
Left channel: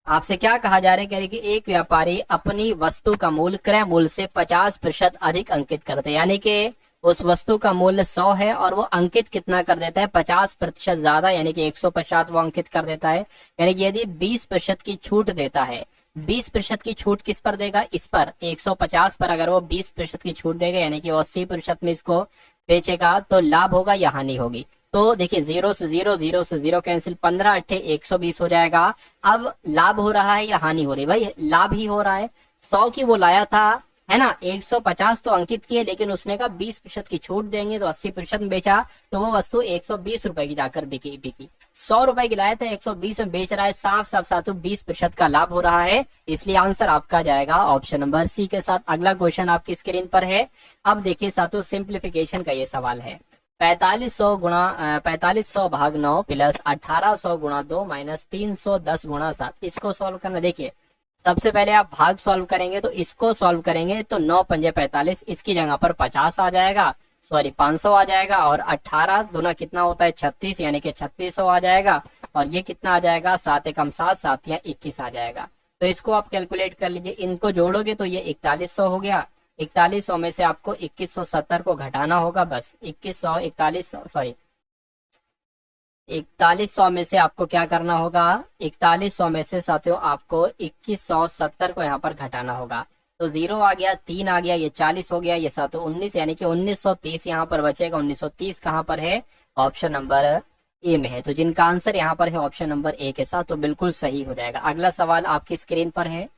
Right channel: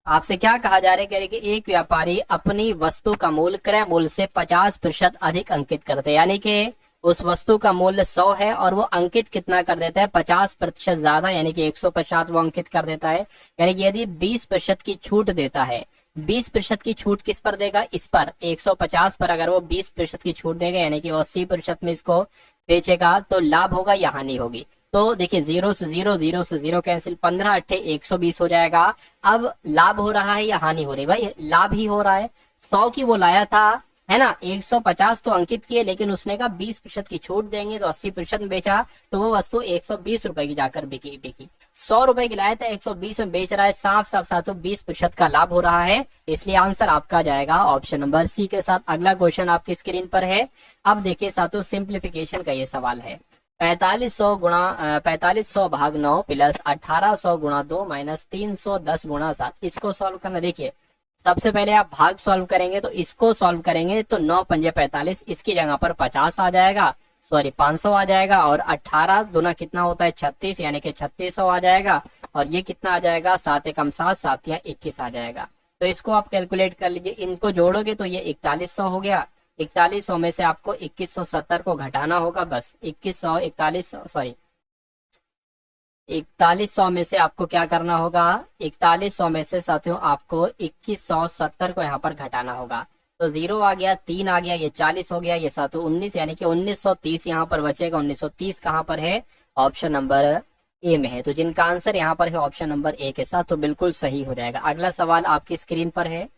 आपसे क्या कहा जा रहा है, कह रहे कि एक व्यापारी अपनी वस्तु का मूल्य क्रय मूल्य से 50% अधिक अंकित करते हैं, यानी कि उस वस्तु का मूल्य 100 है और वो अंकित कितना कर देता है, 50% ज्यादा, यानी कि 150 वो अंकित कर देता है। यानी कि यदि 20% की छूट देता है, 20% की छूट किस पर देगा, इस पर 150 पर अगर वो 20% की छूट देगा, यानी कि वो 80% में इसको बेचेगा, तो लाभ होगा या हानि होगी। तो देखिए 0 से 0, 0 से 0 कैंसिल, 15 अट्ठे 120 हो जाएगा। अब लाभ हो रहा है या हानि हो रही है, भाई लाभ ही हो रहा है। 100 की वो लाया था, है ना, 150 तो अंकित किए, लेकिन उसने कहा 20% की छूट देंगे तो 80% में बेचा, तो वो वस्तु 120 रुपए की जाकर बिकी। 100 रुपए की लाया था, 120 में बेच रहा है, साफ साफ साथियों 20% का लाभ हो रहा है। इसलिए आंसर आपका जाएगा ऑप्शन नंबर सी के साथ। अगला क्वेश्चन आपकी स्क्रीन पर है। अब देखिए साथियों सिंप्लीफिकेशन का ये सवाल है, 4500 भाग 9 प्लस 1800 गुणा 2 माइनस 310 गुणा 7, इसको सॉल्व करना। देखिए सबसे पहले आप भाग सॉल्व करेंगे, तो इसको सॉल्व करेंगे तो 9 पंजे 45, इसकी जगह पर 50 आ जाएगा, सॉरी 500 आ जाएगा, और 18 दूना कितना होता है 36, यानी कि 3600 आ जाएगा, और ये कितना आ जाएगा 7 एकम 7, 7 या 21 आ जाएगा। तो इसको आप कैलकुलेट कर लीजिए, इनको जोड़ोगे तो ये 4100 हो गया। 4100 में से आपको 2170 को घटाना होगा, बस 4100 में से आपको क्या करना होगा, 4100 में से साथियों आपको 2170 को यहाँ पर घटाना होगा। तो 0 आ गया, 3 आ गया, ये 40 हो गया, ये साथियों 19, यानी कि 1930 यहाँ पर बचेगा। 1930 कहाँ पर है, ऑप्शन नंबर ए में है। तो जिनका आंसर यहाँ पर है ऑप्शन नंबर ए के साथ, तो बिल्कुल सही हो जाएगा। अगला सवाल आपकी स्क्रीन पर है,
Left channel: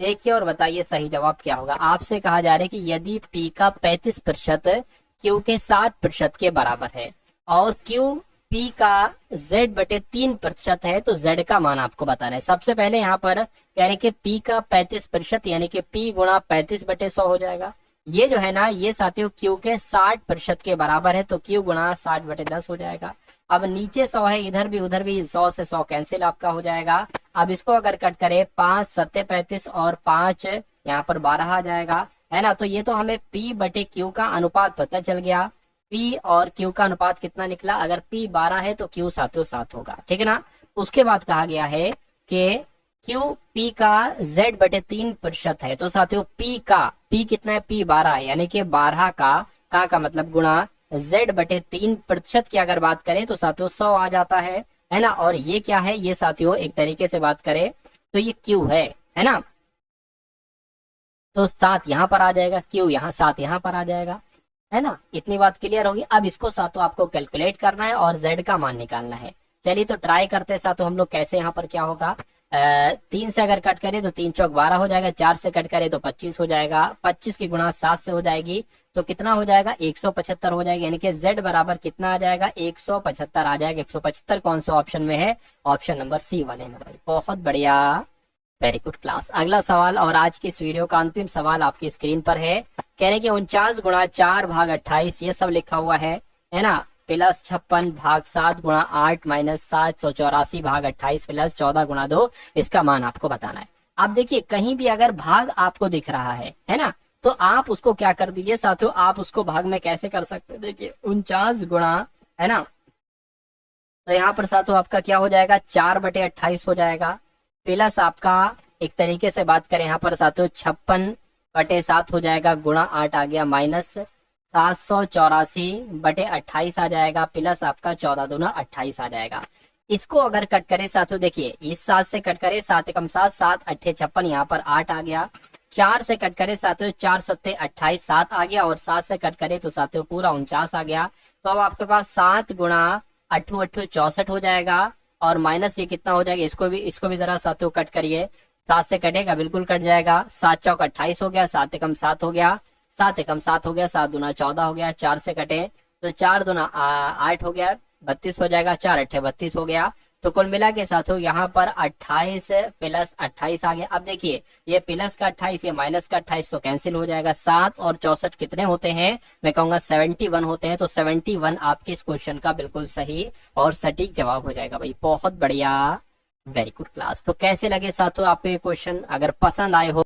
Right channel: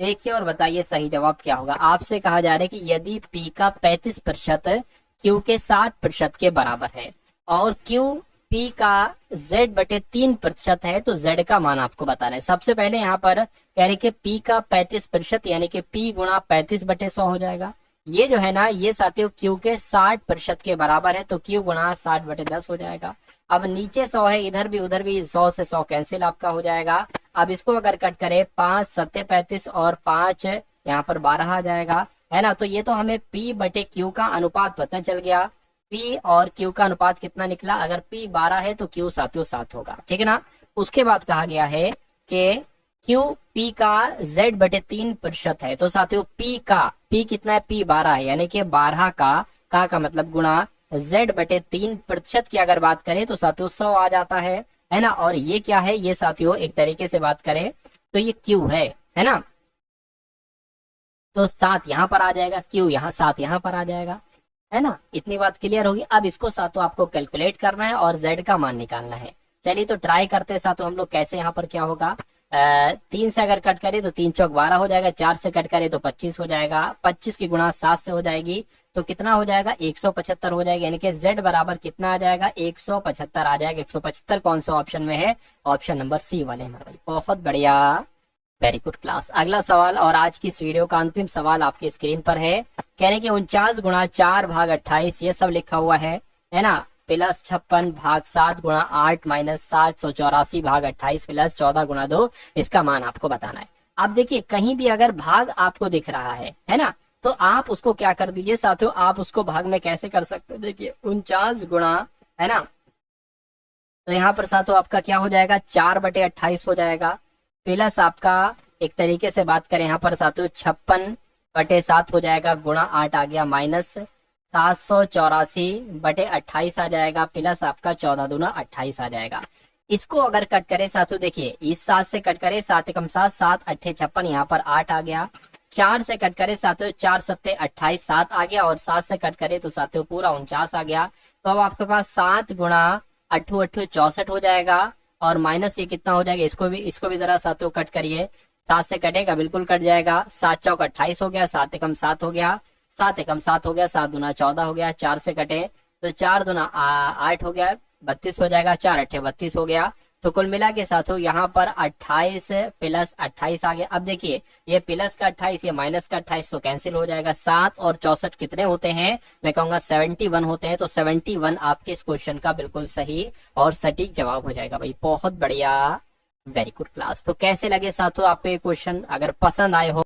देखिए और बताइए सही जवाब क्या होगा। आपसे कहा जा रहा है कि यदि P का 35% Q के 60% के बराबर है और Q P का Z बटे 3% है, तो Z का मान आपको बताना है। सबसे पहले यहाँ पर कह रहे कि P का 35%, यानी कि P गुणा 35 बटे 100 हो जाएगा। ये जो है ना, ये साथियों Q के 60% के बराबर है, तो Q गुणा 60 बटे 10 हो जाएगा। अब नीचे 100 है, इधर भी उधर भी 100 से 100 कैंसिल आपका हो जाएगा। अब इसको अगर कट करें, 5 सत्ते 35 और 5 यहाँ पर 12 आ जाएगा, है ना। तो ये तो हमें P बटे Q का अनुपात पता चल गया। P और Q का अनुपात कितना निकला, अगर P 12 है तो Q साथियों 7 होगा, ठीक है ना। उसके बाद कहा गया है कि क्यू पी का Z/3% है। तो साथियों पी कितना है, पी 12 है, यानी कि 12 का मतलब गुणा Z/3% की अगर बात करें तो साथियों 100 आ जाता है ना। और ये क्या है, ये साथियों एक तरीके से बात करें तो ये क्यू है ना। तो 7 यहाँ पर आ जाएगा, क्यू यहाँ 7 यहाँ पर आ जाएगा, है ना। इतनी बात क्लियर होगी। अब इसको साथियों आपको कैलकुलेट करना है और Z का मान निकालना है। चलिए तो ट्राई करते हैं साथियों हम लोग कैसे। यहाँ पर क्या होगा, 3 से अगर कट करें तो 3 चौक 12 हो जाएगा, 4 से कट करें तो 25 हो जाएगा, 25 की गुणा 7 से हो जाएगी तो कितना हो जाएगा, 175 हो जाएगा। यानी कि Z बराबर कितना आ जाएगा, 175 आ जाएगा। 175 कौन से ऑप्शन में है, ऑप्शन नंबर सी वाले में भाई। बहुत बढ़िया, वेरी गुड क्लास। अगला सवाल और आज की इस वीडियो का अंतिम सवाल आपकी स्क्रीन पर है। कह रहे कि 49 गुणा 4 भाग 28 ये सब लिखा हुआ है ना, प्लस 56 भाग 7 गुणा 8 माइनस 784 भाग 28 प्लस 14 गुणा 2, इसका मान आपको बताना है। आप देखिए कहीं भी अगर भाग आपको दिख रहा है ना, तो आप उसको क्या कर दीजिए साथियों, आप उसको भाग में कैसे कर सकते हैं, देखिए 49 गुणा, है ना, तो यहाँ पर साथियों आपका क्या हो जाएगा, 4/28 हो जाएगा, प्लस आपका एक तरीके से बात करें यहाँ पर साथियों 56/7 हो जाएगा, गुणा 8 आ गया, माइनस 784/28 आ जाएगा, प्लस आपका 14 दूना 28 आ जाएगा। इसको अगर कट करें साथियों, देखिए इस 7 से कट करें, 7 एकम 7, 7 अट्ठे 56, यहाँ पर 8 आ गया। 4 से कट करें साथियों, 4 सत्ते 28, 7 आ गया, और 7 से कट करें तो साथियों पूरा 49 आ गया। तो अब आपके पास 7 गुणा 8 8 64 हो जाएगा, और माइनस ये कितना हो जाएगा, इसको भी जरा साथियों कट करिए। 7 से कटेगा, बिल्कुल कट जाएगा। 7 चौक 28 हो गया, 7 एकम 7 हो गया, 7 एकम 7 हो गया, 7 दूना 14 हो गया। 4 से कटे तो 4 दूना 8 हो गया, 32 हो जाएगा, 4 अट्ठे 32 हो गया। तो कुल मिला के साथियों यहाँ पर 28 प्लस 28 आ गया। अब देखिए ये प्लस का 28, ये माइनस का 28, तो कैंसिल हो जाएगा। 7 और 64 कितने होते हैं, मैं कहूंगा 71 होते हैं। तो 71 आपके इस क्वेश्चन का बिल्कुल सही और सटीक जवाब हो जाएगा भाई। बहुत बढ़िया, वेरी गुड क्लास। तो कैसे लगे साथियों आपको ये क्वेश्चन, अगर पसंद आए हो